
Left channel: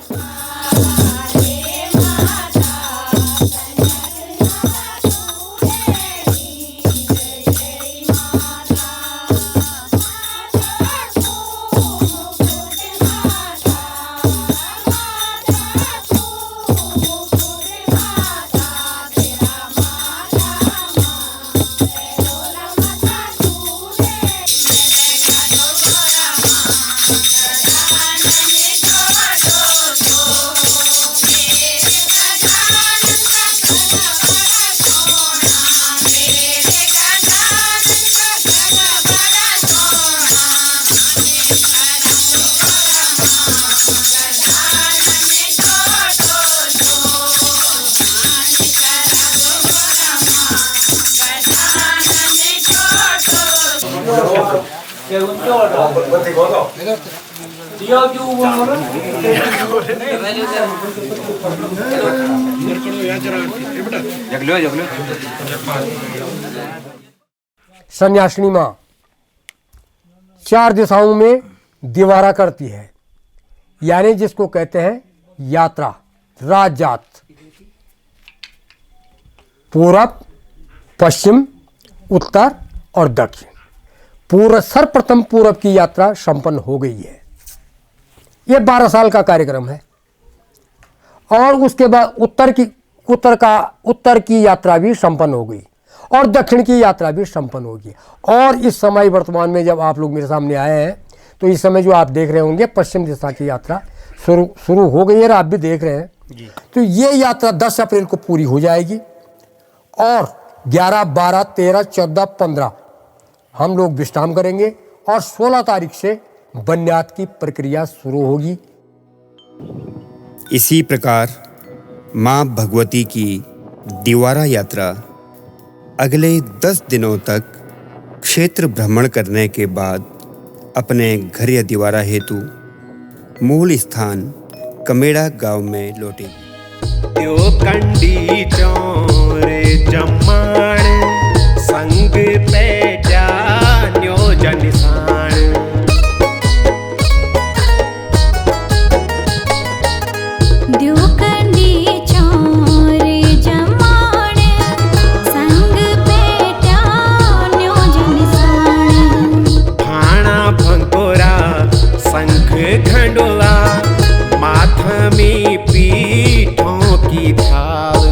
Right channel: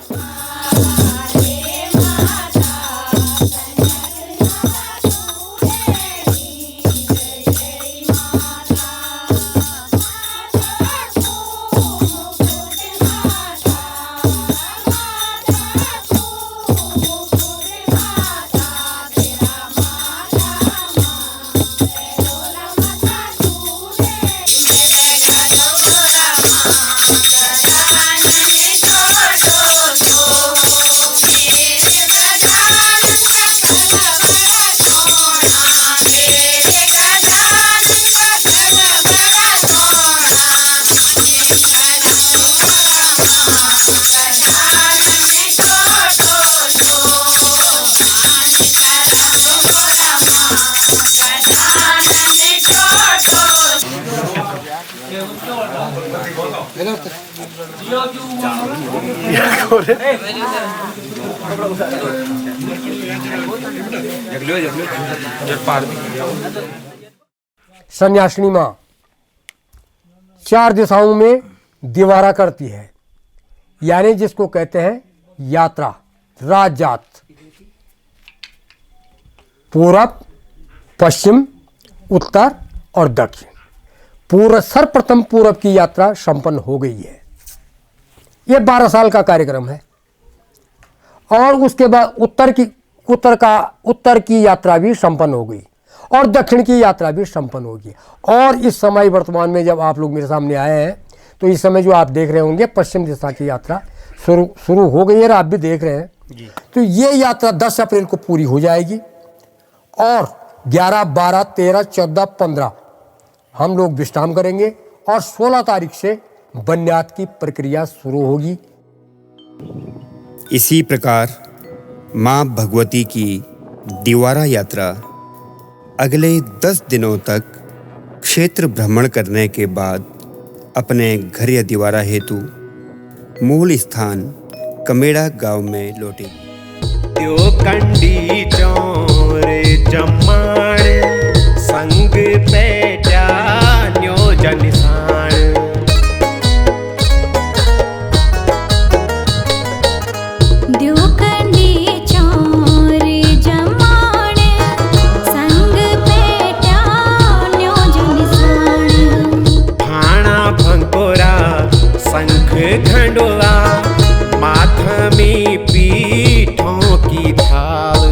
सन्यासिनी माँ 4 दिशाओं में दीवारा करती है, यानी जिसको कहते हैं यात्रा, राजजात। पूरब, पश्चिम, उत्तर और दक्षिण। सर्वप्रथम पूरब की यात्रा संपन्न हो गई है। ये 12 साल का कार्यक्रम है। और उसके बाद उत्तर की यात्रा भी संपन्न हो गई और दक्षिण की यात्रा भी संपन्न होगी। और इस समय वर्तमान में जब आप लोग मेरे सामने आए हैं तो इस समय जो आप देख रहे होंगे पश्चिम दिशा की यात्रा शुरू हो गई है, आप भी देख रहे हैं। तो ये यात्रा 10 अप्रैल को पूरी हो जाएगी और 11, 12, 13, 14, 15 हम लोग विश्राम करेंगे और 16 तारीख से बन्यात की प्रक्रिया शुरू होगी। इसी प्रकार माँ भगवती की दीवारा यात्रा अगले 10 दिनों तक क्षेत्र भ्रमण करने के बाद अपने घर या दीवारा हेतु मूल स्थान कमेड़ा गांव में लौटेगी। त्यो कंडी चौर जम्माण संग पेट्या न्यो जनिसाण। द्योकंडी चौर जम्माण संग पेट्या न्यो जनिसाण। ठाणा भंकोरा शंख घंडोला माथमी पीठों की थाल।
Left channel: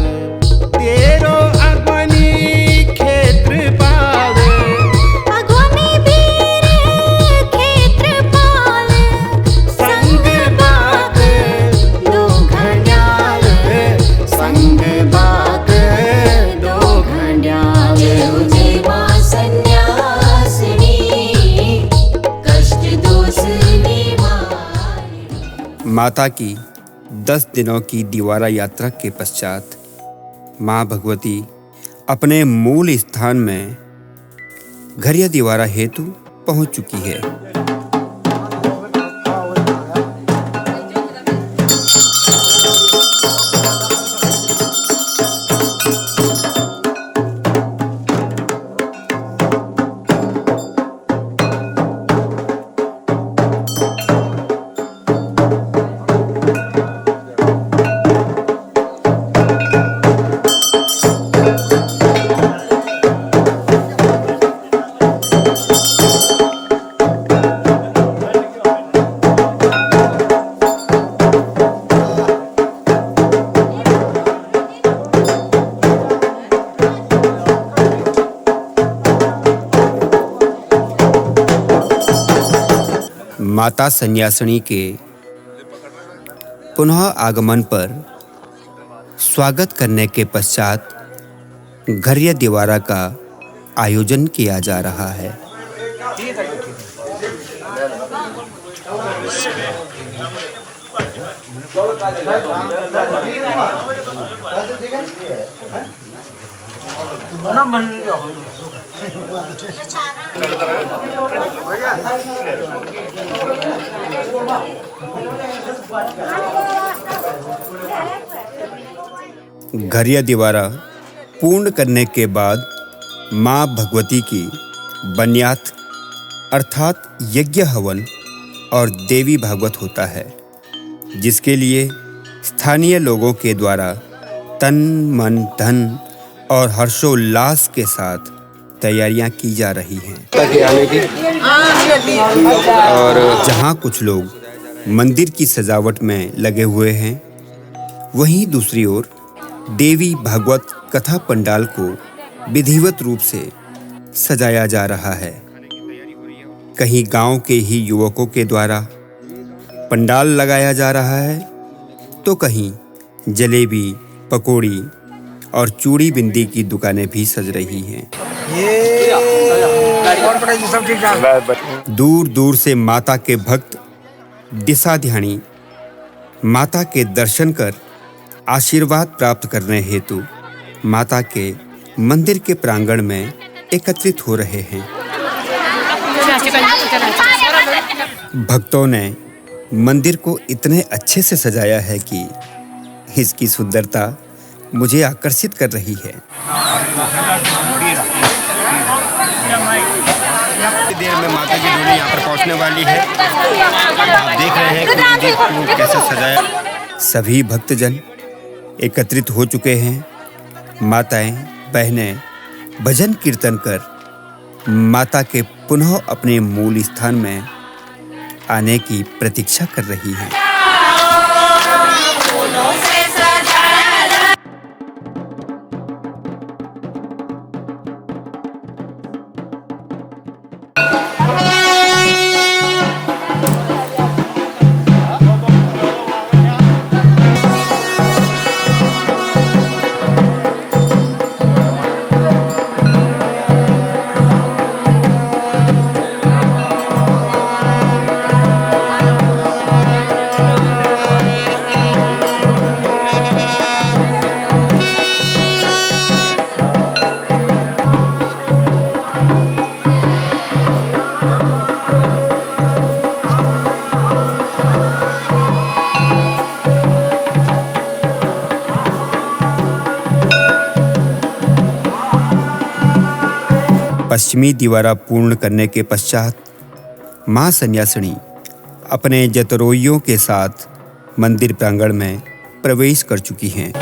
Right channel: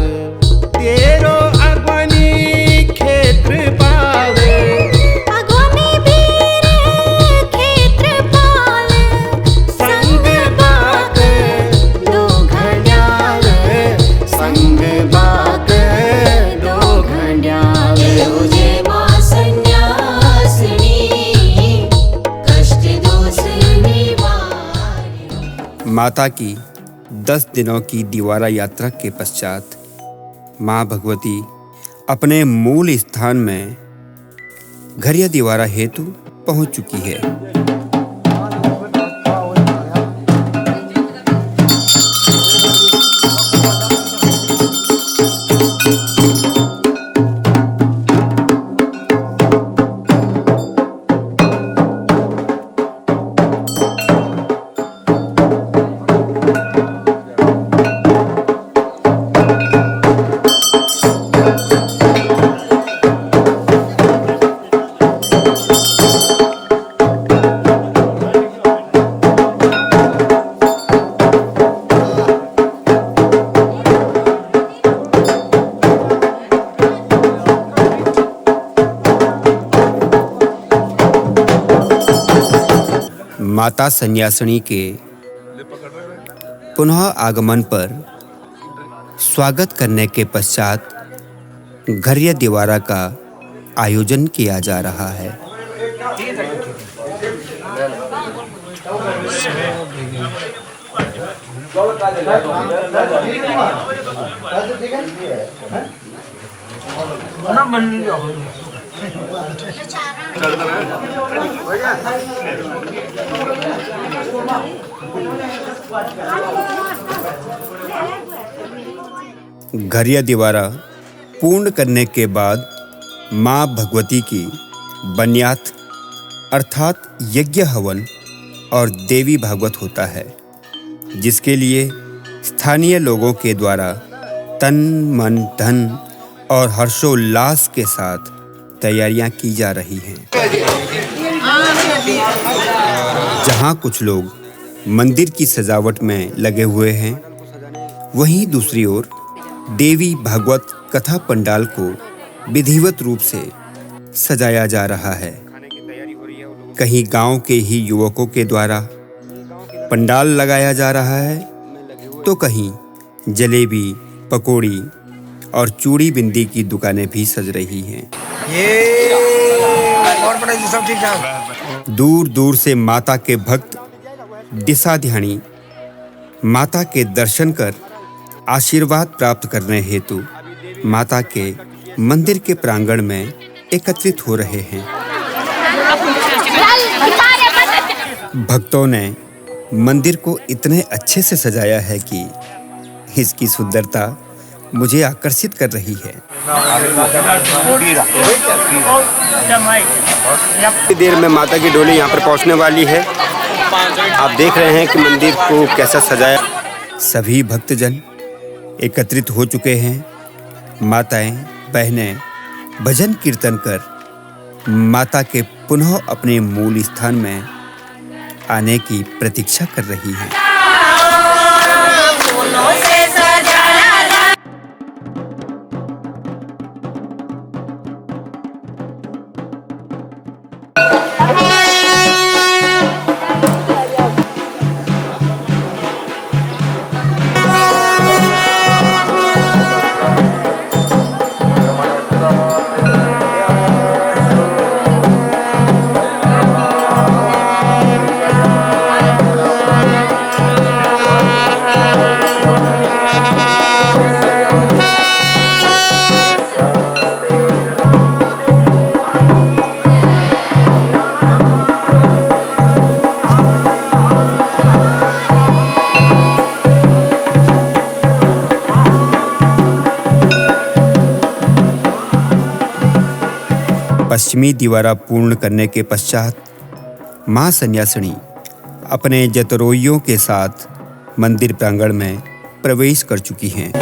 तेरो अगवनी क्षेत्रपाल अगवनी वीर क्षेत्रपाल। संग बाग दो घंड्याल संग बाग दो घंड्याल। तुझे माँ सन्यासिनी कष्ट दोष निवारिणी। माता की 10 दिनों की दीवारा यात्रा के पश्चात माँ भगवती अपने मूल स्थान में घर या दीवारा हेतु पहुंच चुकी है। माता सन्यासिनी के पुनः आगमन पर स्वागत करने के पश्चात घर या दीवारा का आयोजन किया जा रहा है। घर या दीवारा पूर्ण करने के बाद माँ भगवती की बन्यात अर्थात यज्ञ हवन और देवी भागवत होता है, जिसके लिए स्थानीय लोगों के द्वारा तन मन धन और हर्षोल्लास के साथ तैयारियां की जा रही हैं। और जहां कुछ लोग मंदिर की सजावट में लगे हुए हैं, वहीं दूसरी ओर देवी भागवत कथा पंडाल को विधिवत रूप से सजाया जा रहा है। कहीं गांव के ही युवकों के द्वारा पंडाल लगाया जा रहा है, तो कहीं जलेबी, पकौड़ी और चूड़ी बिंदी की दुकानें भी सज रही हैं। दूर दूर से माता के भक्त दिशाध्यानी माता के दर्शन कर आशीर्वाद प्राप्त करने हेतु माता के मंदिर के प्रांगण में एकत्रित हो रहे हैं। भक्तों ने मंदिर को इतने अच्छे से सजाया है कि इसकी सुंदरता मुझे आकर्षित कर रही है। देर में माता की डोली यहाँ पर पहुँचने वाली है। आप देख रहे हैं कि मंदिर को कैसा सजाया। सभी भक्तजन एकत्रित हो चुके हैं। माताएं बहनें भजन कीर्तन कर माता के पुनः अपने मूल स्थान में आने की प्रतीक्षा कर रही हैं। पश्चिमी दीवारा पूर्ण करने के पश्चात मां सन्यासिनी अपने जतरोइयों के साथ मंदिर प्रांगण में प्रवेश कर चुकी हैं।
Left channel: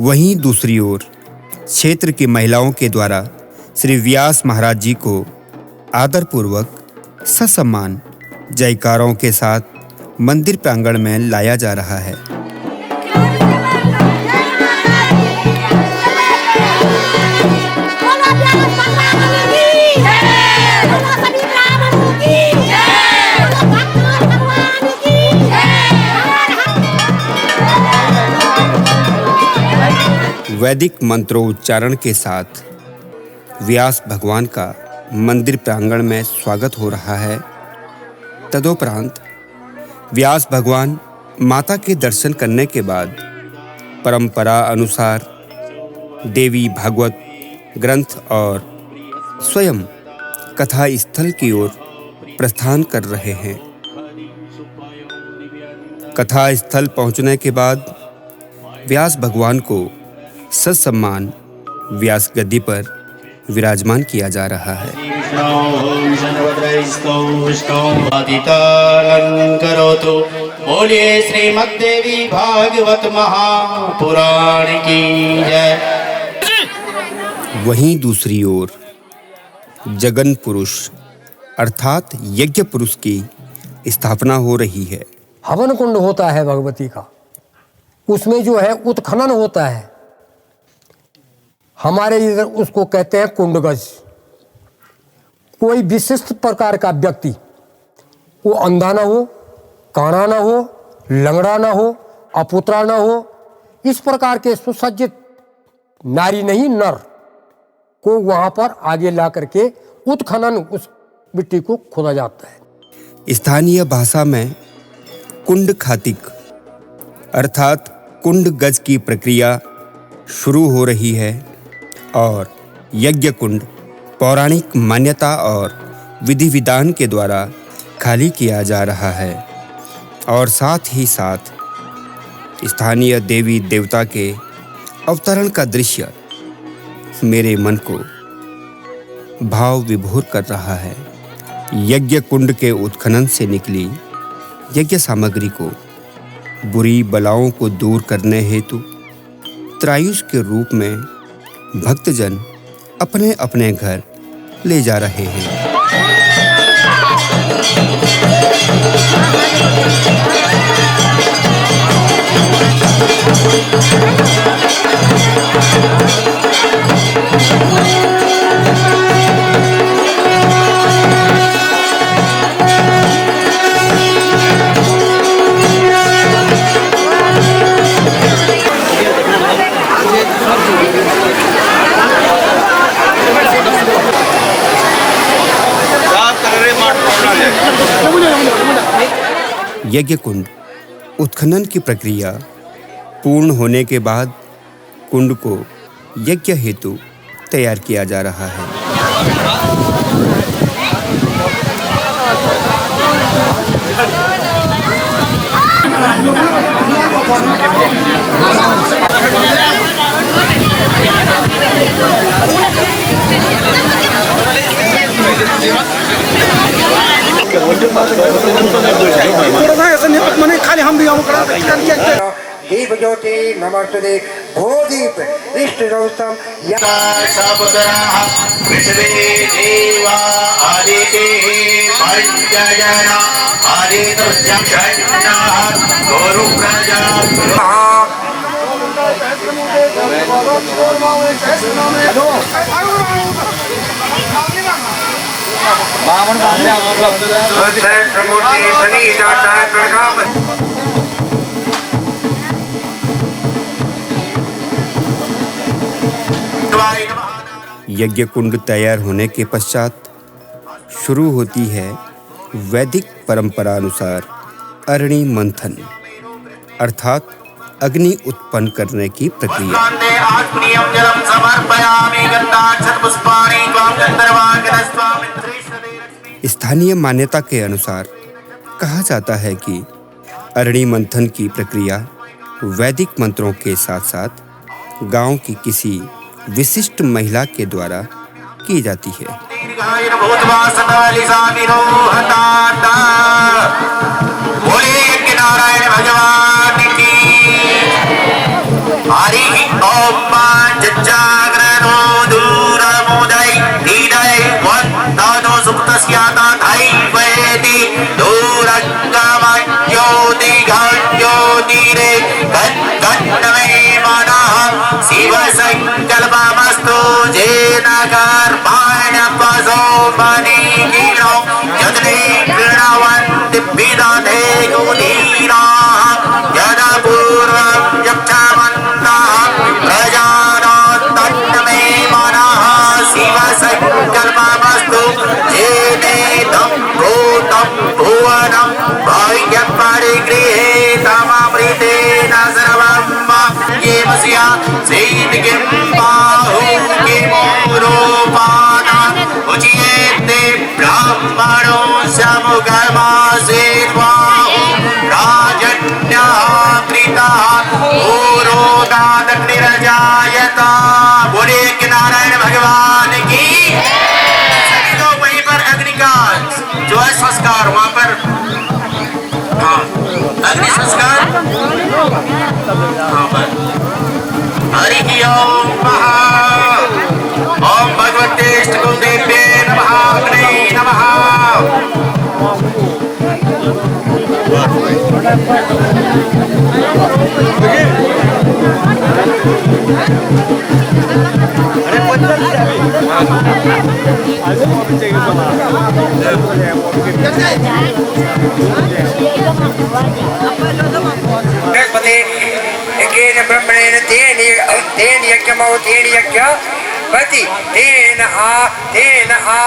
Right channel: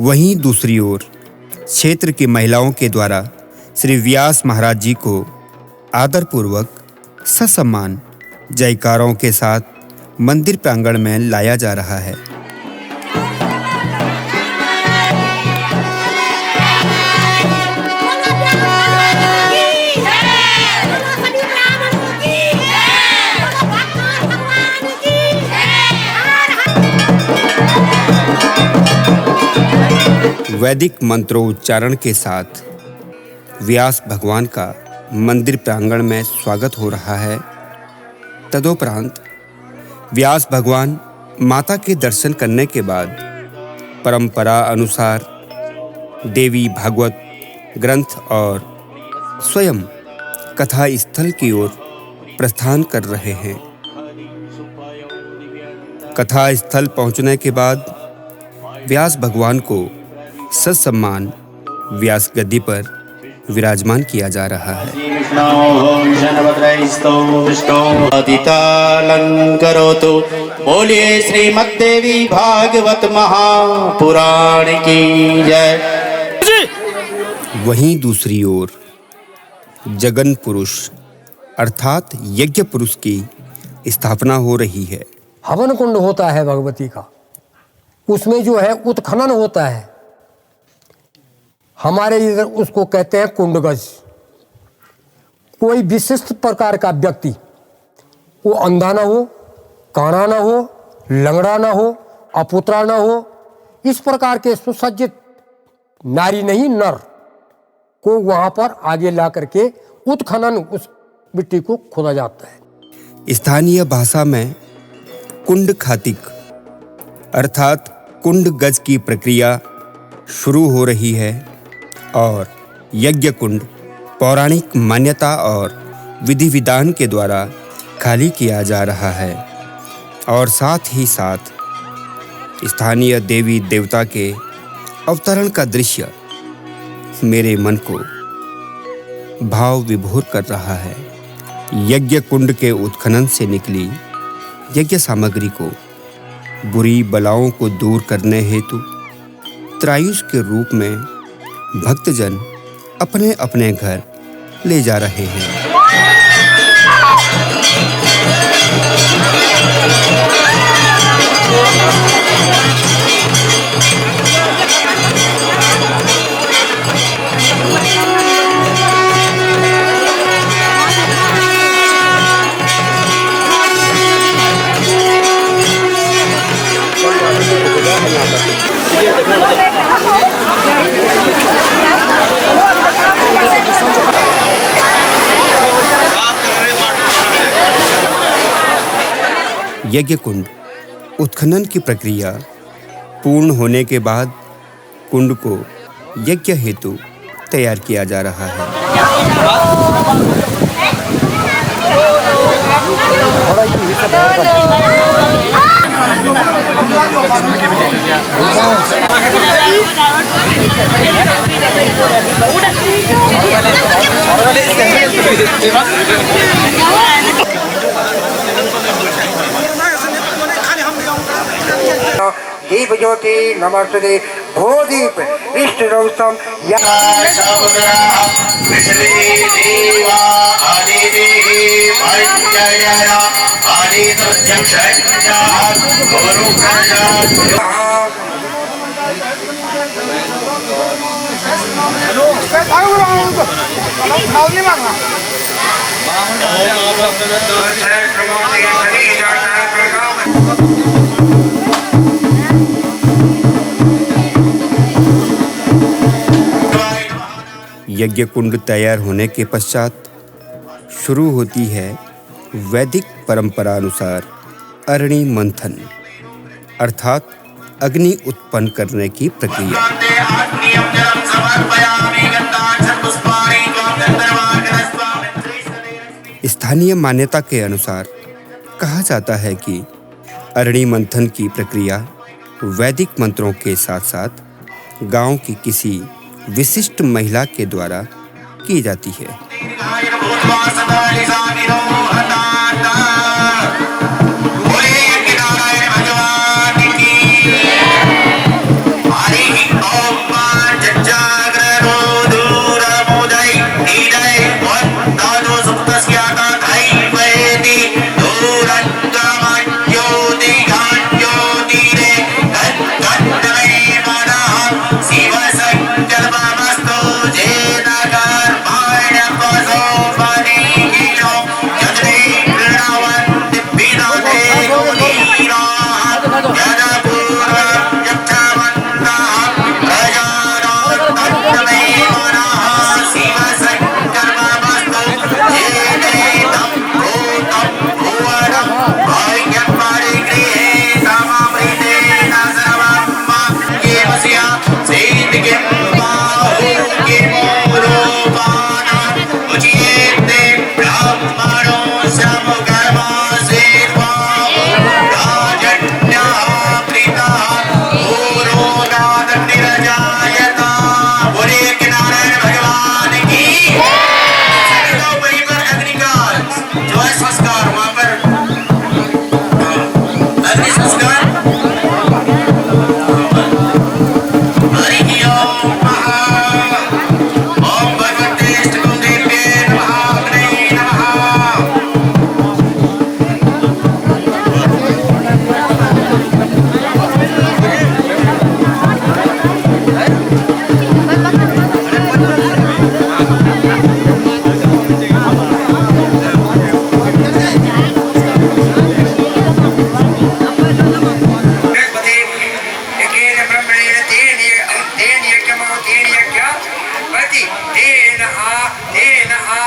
वहीं दूसरी ओर क्षेत्र की महिलाओं के द्वारा श्री व्यास महाराज जी को आदरपूर्वक ससम्मान जयकारों के साथ मंदिर प्रांगण में लाया जा रहा है। वैदिक मंत्रोच्चारण के साथ व्यास भगवान का मंदिर प्रांगण में स्वागत हो रहा है। तदोपरांत व्यास भगवान माता के दर्शन करने के बाद परंपरा अनुसार देवी भागवत ग्रंथ और स्वयं कथा स्थल की ओर प्रस्थान कर रहे हैं। कथा स्थल पहुंचने के बाद व्यास भगवान को ससम्मान व्यास गद्दी पर विराजमान किया जा रहा है। बोलिए श्रीमद्देवी भागवत महापुराण की जय। वहीं दूसरी ओर जगन पुरुष अर्थात यज्ञ पुरुष की स्थापना हो रही है। हवन कुंड होता है भगवती का, उसमें जो है उत्खनन होता है। हमारे इधर उसको कहते हैं कुंडगज। कोई विशिष्ट प्रकार का व्यक्ति, वो अंधा ना हो, काना ना हो, लंगड़ा ना हो, अपुत्रा ना हो, इस प्रकार के सुसज्जित नारी नहीं नर को वहाँ पर आगे ला करके उत्खनन उस मिट्टी को खोदा जाता है। स्थानीय भाषा में कुंड खातिक अर्थात कुंड गज की प्रक्रिया शुरू हो रही है और यज्ञ कुंड पौराणिक मान्यता और विधि विधान के द्वारा खाली किया जा रहा है और साथ ही साथ स्थानीय देवी देवता के अवतरण का दृश्य मेरे मन को भाव विभोर कर रहा है। यज्ञ कुंड के उत्खनन से निकली यज्ञ सामग्री को बुरी बलाओं को दूर करने हेतु त्रायुष के रूप में भक्तजन अपने अपने घर ले जा रहे हैं। यज्ञ कुंड उत्खनन की प्रक्रिया पूर्ण होने के बाद कुंड को यज्ञ हेतु तैयार किया जा रहा है। दीप ज्योति नमस्ते भोदीप इष्ट रौस्तम देवा आदिति पंचजना गुरु प्रजा यज्ञ कुंड तैयार होने के पश्चात शुरू होती है वैदिक परंपरा अनुसार अरणि मंथन अर्थात अग्नि उत्पन्न करने की प्रक्रिया। स्थानीय मान्यता के अनुसार कहा जाता है कि अरणि मंथन की प्रक्रिया वैदिक मंत्रों के साथ साथ गांव की किसी विशिष्ट महिला के द्वारा की जाती है।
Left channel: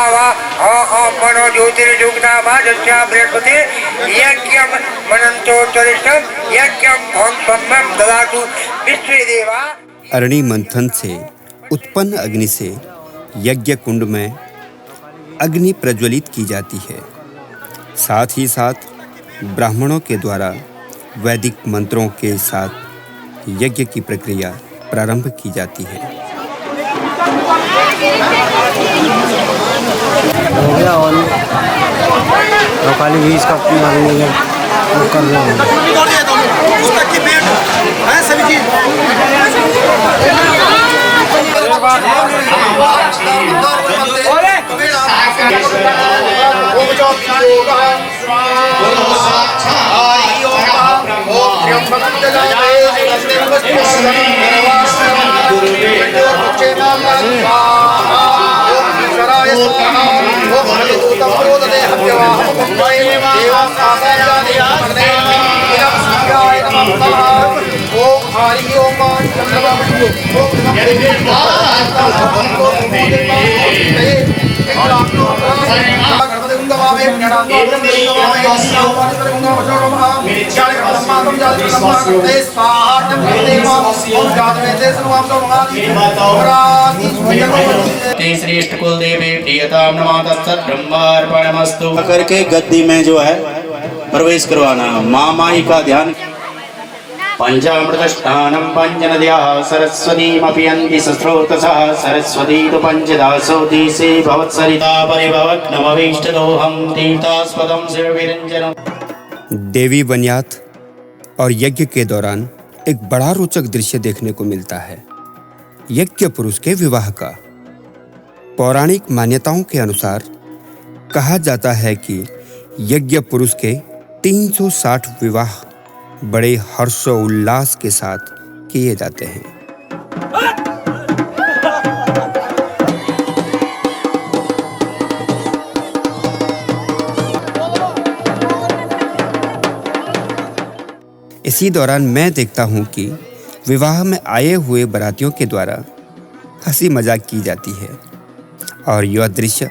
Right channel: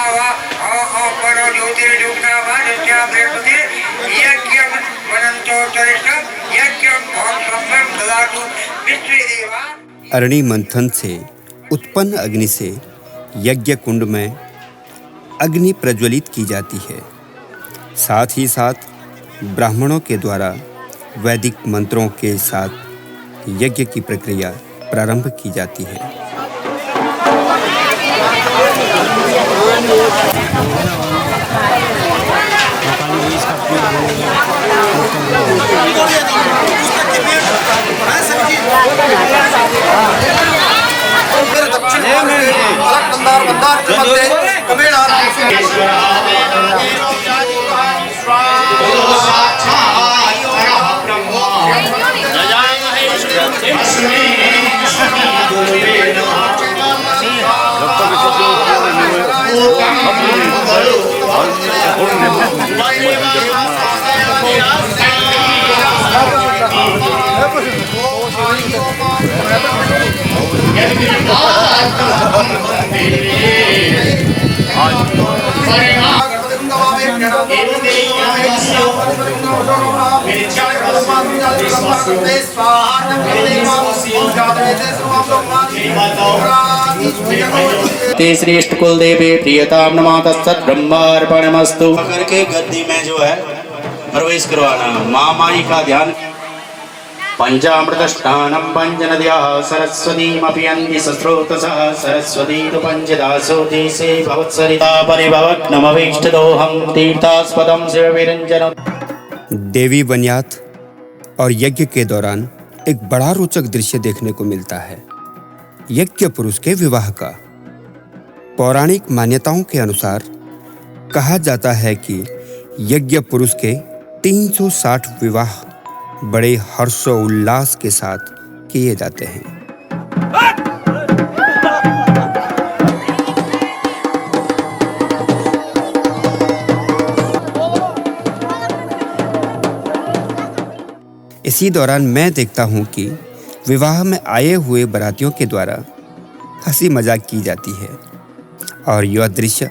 वा मनो ज्योतिर्युग्ना भाजस्या बृहस्पति यज्ञं मनंतो चरितं यज्ञं भं बं ददातु विश्वेदेवा। अरणि मंथन से उत्पन्न अग्नि से यज्ञ कुंड में अग्नि प्रज्वलित की जाती है। साथ ही साथ ब्राह्मणों के द्वारा वैदिक मंत्रों के साथ यज्ञ की प्रक्रिया प्रारंभ की जाती है। हो गया और काली भी इसका मारेंगे जब वो कर रहे हैं। के श्रेष्ठ कुल देवी प्रियताम नमः तत्सत् ब्रह्मार्पणमस्तु करके गद्दी में जो है प्रवेश करवाना। महामारी का ध्यान। पंचामृतष्टानं पंचनद्याः सरस्वतीमपि यन्ति सस्रोतसः सरस्वती तु पंचदासो देशे भवत्सरिता परिभवत् नमवेष्टदोहं तीर्थास्पदं शिवविरञ्जनम्। देवी वन्यात और यज्ञ के दौरान एक बड़ा रोचक दृश्य देखने को मिलता है, यज्ञ पुरुष के विवाह का। पौराणिक मान्यताओं के अनुसार कहा जाता है कि यज्ञ पुरुष के 360 विवाह बड़े हर्षोल्लास के साथ किए जाते हैं। इसी दौरान मैं देखता हूं कि विवाह में आए हुए बारातियों के द्वारा हंसी मजाक की जाती है और यह दृश्य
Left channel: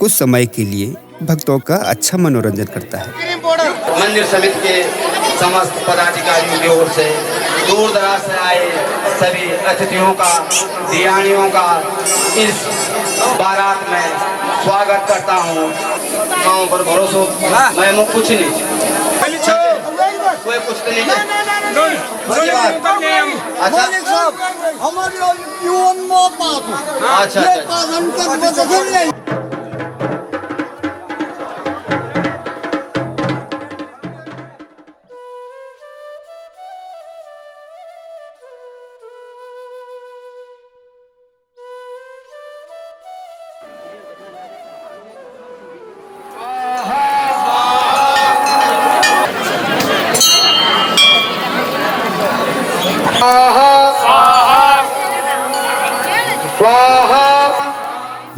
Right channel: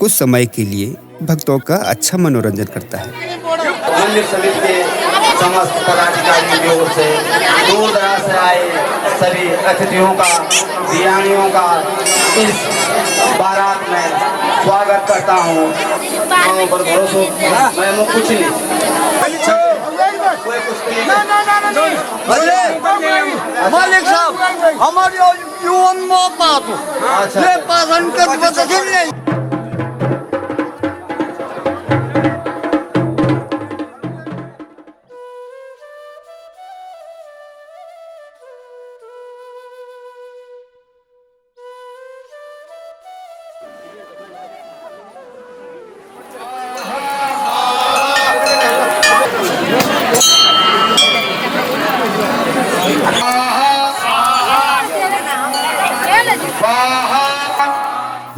कुछ समय के लिए भक्तों का अच्छा मनोरंजन करता है। मंदिर समिति के समस्त पदाधिकारियों की ओर से दूर दराज से आए सभी अतिथियों का, दियानियों का इस बारात में स्वागत करता हूँ। गाँव पर भरोसा मैं मुँह कुछ नहीं कोई कुछ नहीं। मालिक साहब हमारी युवन मौका अच्छा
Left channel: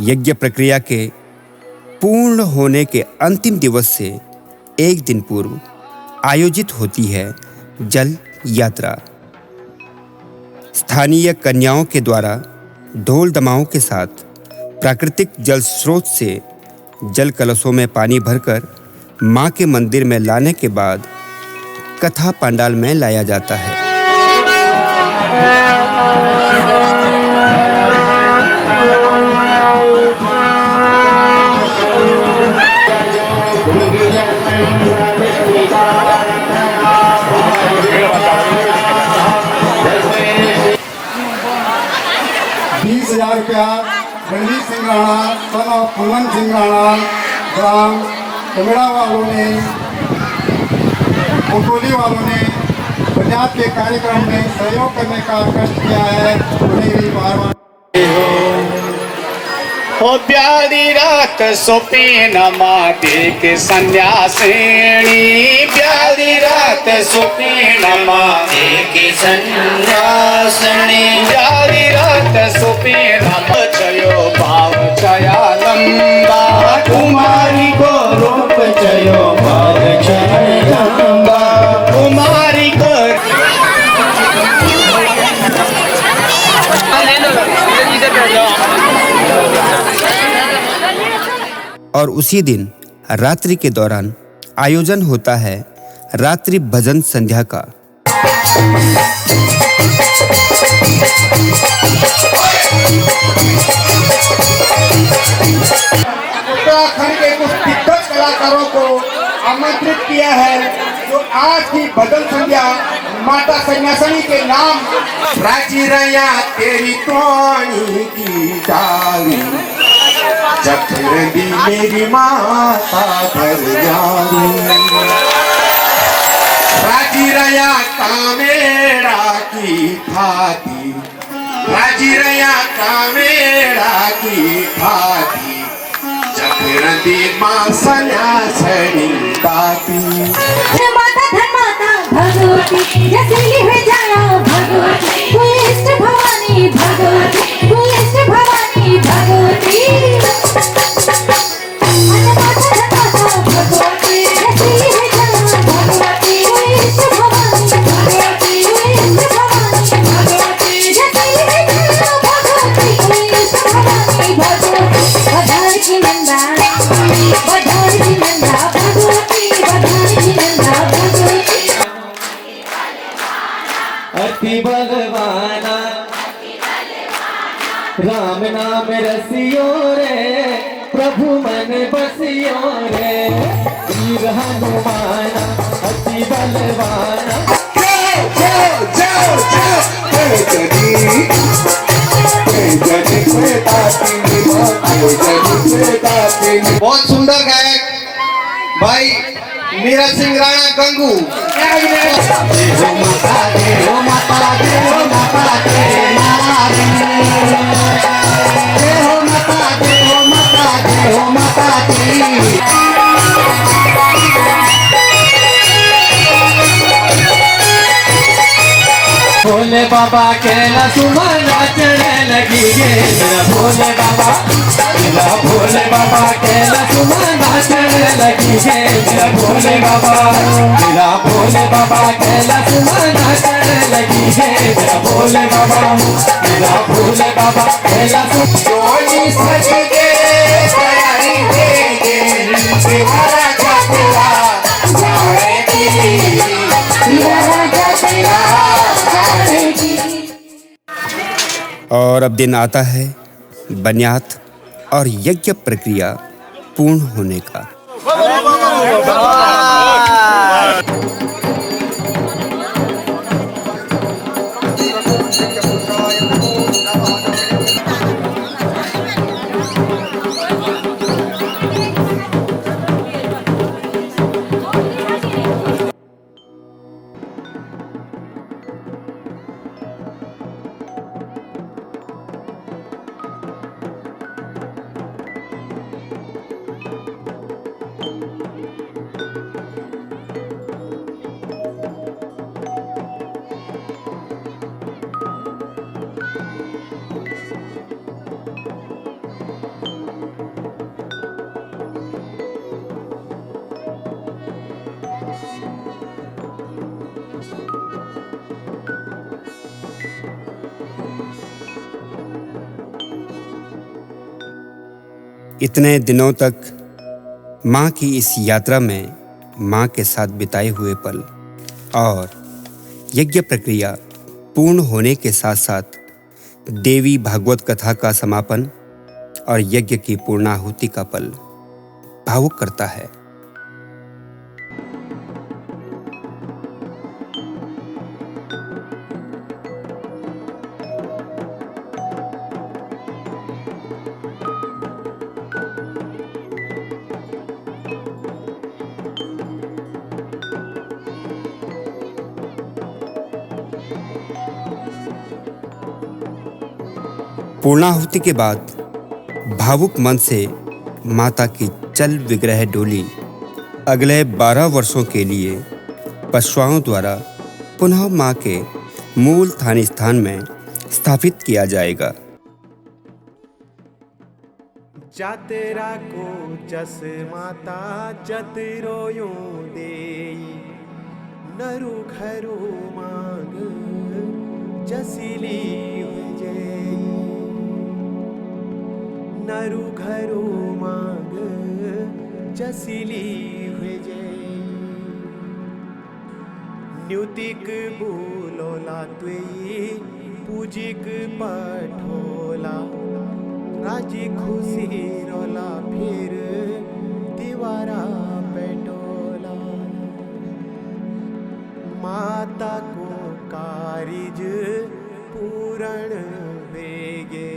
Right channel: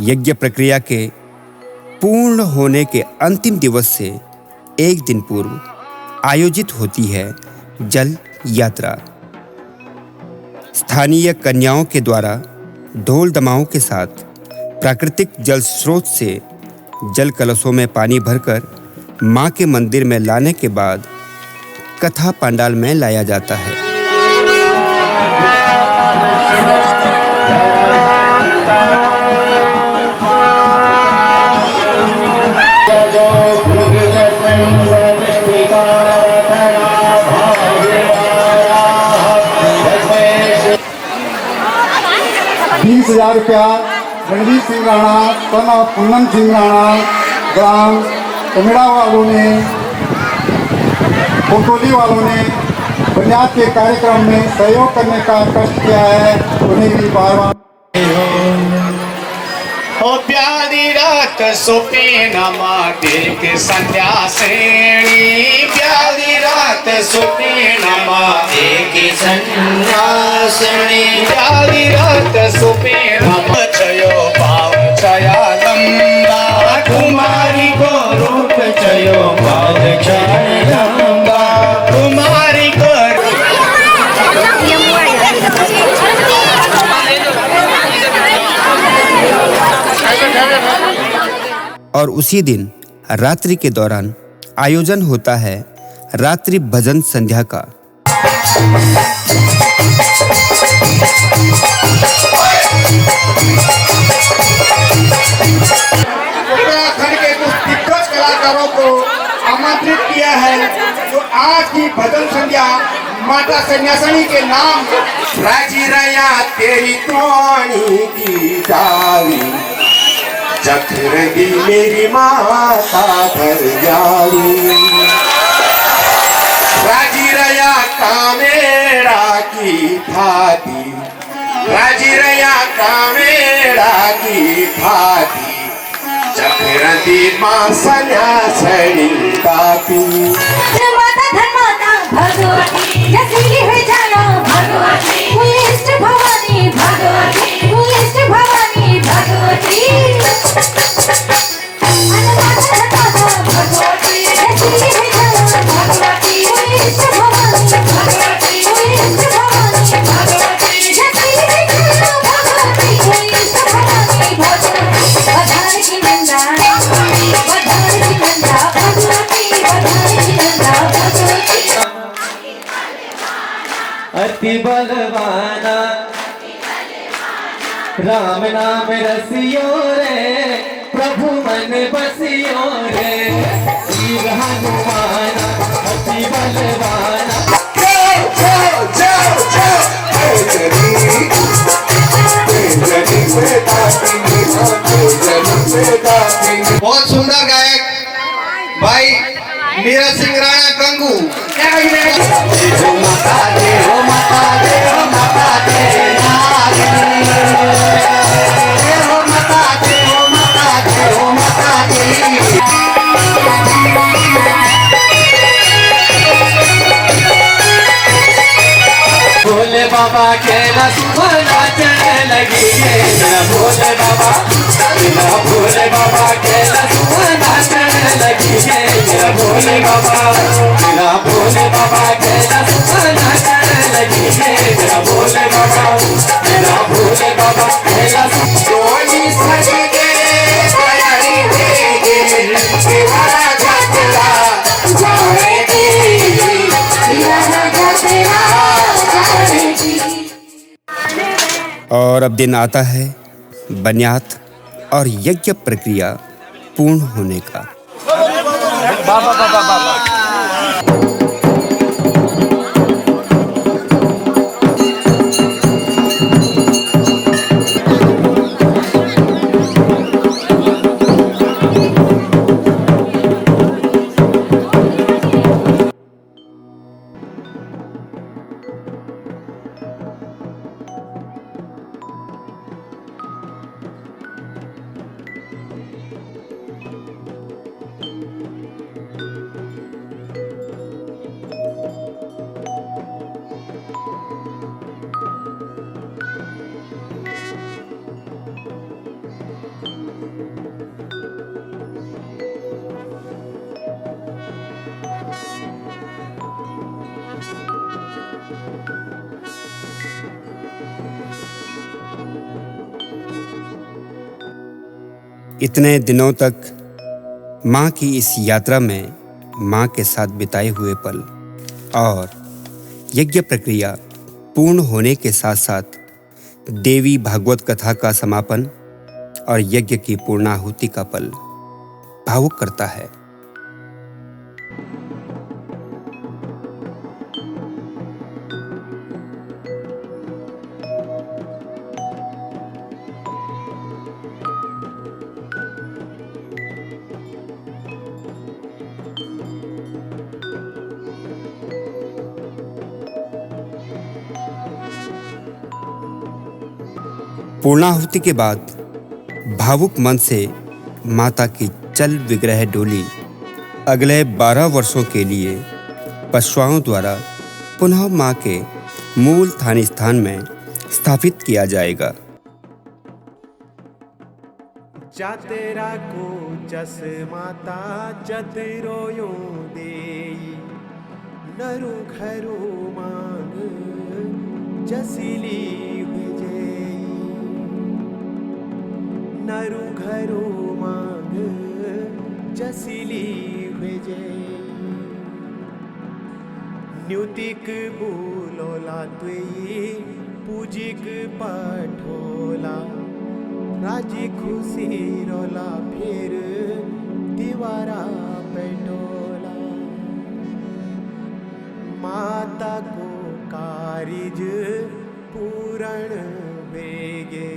यज्ञ प्रक्रिया के पूर्ण होने के अंतिम दिवस से एक दिन पूर्व आयोजित होती है जल यात्रा। स्थानीय कन्याओं के द्वारा ढोल दमाओं के साथ प्राकृतिक जल स्रोत से जल कलशों में पानी भरकर मां के मंदिर में लाने के बाद कथा पंडाल में लाया जाता है। रणजीत सिंह राणा तथा पूनम सिंह राणा ग्राम उमड़ा वालों ने कोटोली वालों ने बुनियाद के कार्यक्रम में सहयोग करने का कष्ट किया है, उन्हें भी बार-बार प्यारी रात सोपे नमा के सन्यासिनी प्यारी रात सोपे नमा के सन्यासिनी प्यारी रात सोपे नमा चयो भाव चया लंबा कुमारी को रूप चयो भाव चया लंबा कुमारी को और उसी दिन रात्रि के दौरान आयोजन होता है रात्रि भजन संध्या का। उत्तराखंड के कुछ दिग्गज कलाकारों को आमंत्रित किया है जो आज की भजन संध्या माता सन्यासिनी के नाम राजी रैया तेरी तोड़ी की डाली जखर दी मेरी माता भर जाली राजी रैया कामेरा की थाती राजी रैया कामेरा की थाती जखर दी मां सन्यासिनी ताती माता धर्माता भगवती यसी है जया भगवती पुलिस भवानी भगवती पुलिस भवानी भगवती अति बलवाना राम नाम रसियो रे प्रभु मन बसियो रे वीर हनुमाना अति बलवाना। बहुत सुंदर गायक भाई मीरा सिंह राणा गंगू। भोले बाबा केला तुम्हारा चढ़ने लगी भोले बाबा केला तुम्हारा चढ़ने लगी भोले बाबा केला तुम्हारा चढ़ने लगी भोले बाबा केला रोजी सज के सयारी के सिवारा जचला जाएगी सिवारा जचला जाएगी। और अब दिन आता है बन्यात और यज्ञ प्रक्रिया पूर्ण होने का। इतने दिनों तक माँ की इस यात्रा में माँ के साथ बिताए हुए पल और यज्ञ प्रक्रिया पूर्ण होने के साथ साथ देवी भागवत कथा का समापन और यज्ञ की पूर्णाहुति का पल भावुक करता है। पूर्णाहुति के बाद भावुक मन से माता की चल विग्रह डोली अगले 12 वर्षों के लिए पशुओं द्वारा पुनः मां के मूल स्थान में स्थापित किया जाएगा। जातेरा को जस माता जतरोयो देई नरु घरो मांग जसिली हुई जेई नरु घरो मांग जसिली हुए जय न्युतिक बोलोला त्वेई पूजिक पठोला राजी खुशी रोला फिर दीवारा पेटोला माता को कारिज पूरण वेगे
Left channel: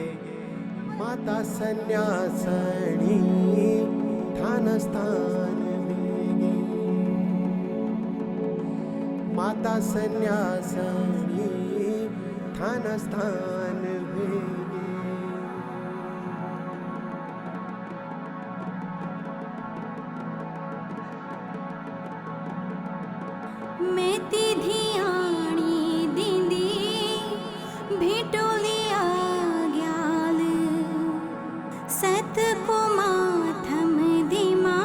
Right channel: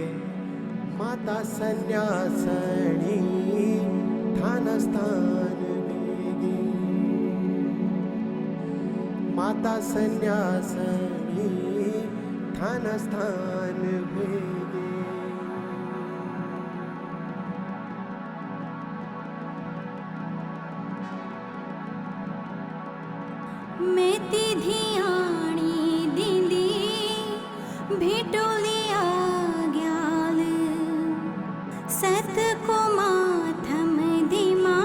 माता संन्यासणी ठान स्थान वेगे माता संन्यासणी ठान स्थान वेगे मेती धियाणी दिंदी भेटोलिया ग्याल सत को माथम दिमा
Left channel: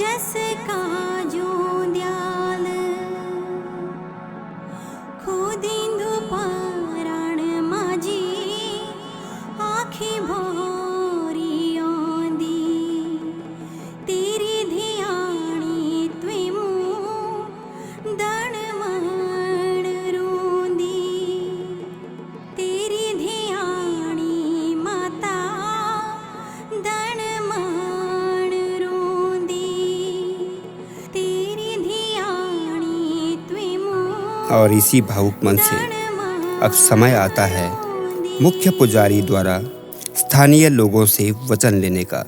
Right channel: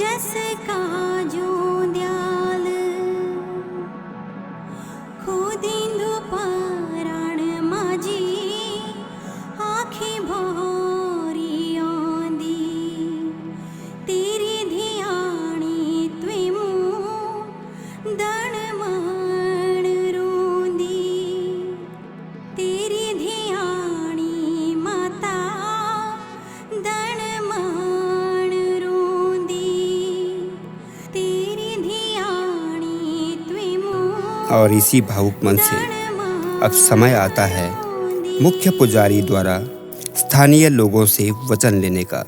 जस का जो दयाल खुदिंदु पाराण माजी आखी भोरी आंदी तेरी धियाणी त्वेमू दण मण रोंदी तेरी धियाणी माता दण मण रोंदी तेरी धियाणी त्वेमू। और इसी भावुक मन से अब समय आता है मुख्य पुजारी द्वारा स्थानीय लोगों से वचन लेने का।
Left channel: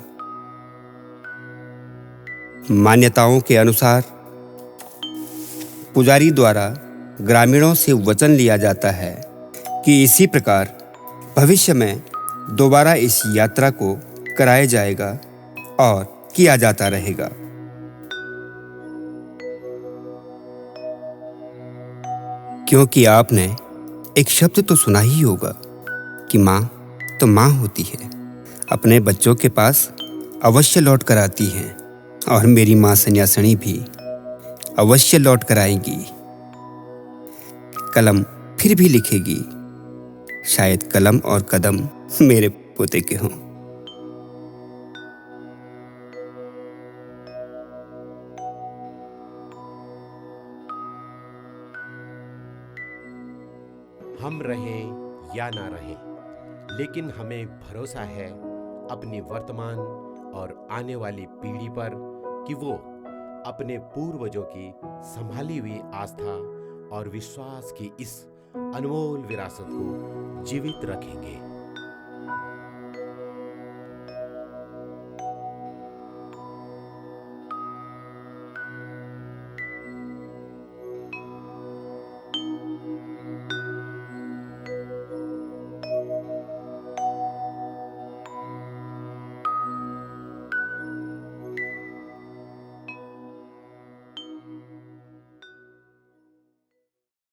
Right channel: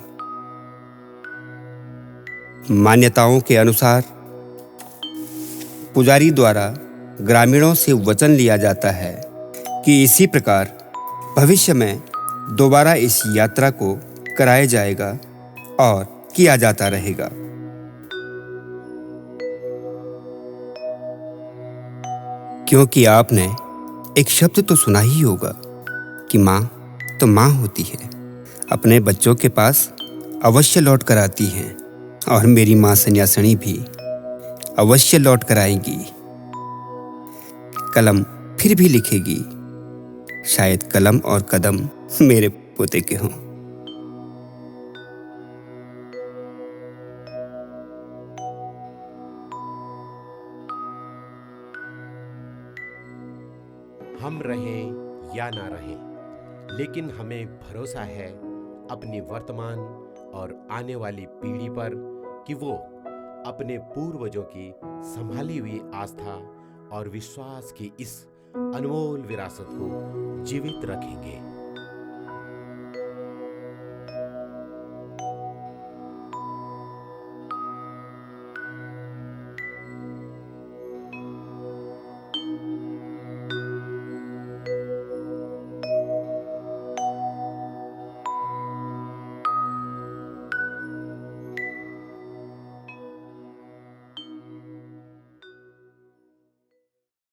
मान्यताओं के अनुसार पुजारी द्वारा ग्रामीणों से वचन लिया जाता है कि इसी प्रकार भविष्य में दोबारा इस यात्रा को कराया जाएगा और किया जाता रहेगा। क्योंकि आपने एक शब्द तो सुना ही होगा कि माँ तो माँ होती है, अपने बच्चों के पास अवश्य लौट कर आती हैं और मेरी माँ सन्यासिनी भी अवश्य लौट कर आएंगी। कलम फिर भी लिखेगी, शायद कलम और कदम मेरे पोते के हों। हम रहें या ना रहें, लेकिन हमें भरोसा है अपनी वर्तमान और आने वाली पीढ़ी पर कि वो अपने पूर्वजों की संभाली हुई आस्था और विश्वास की इस अनमोल विरासत को जीवित रखेंगे।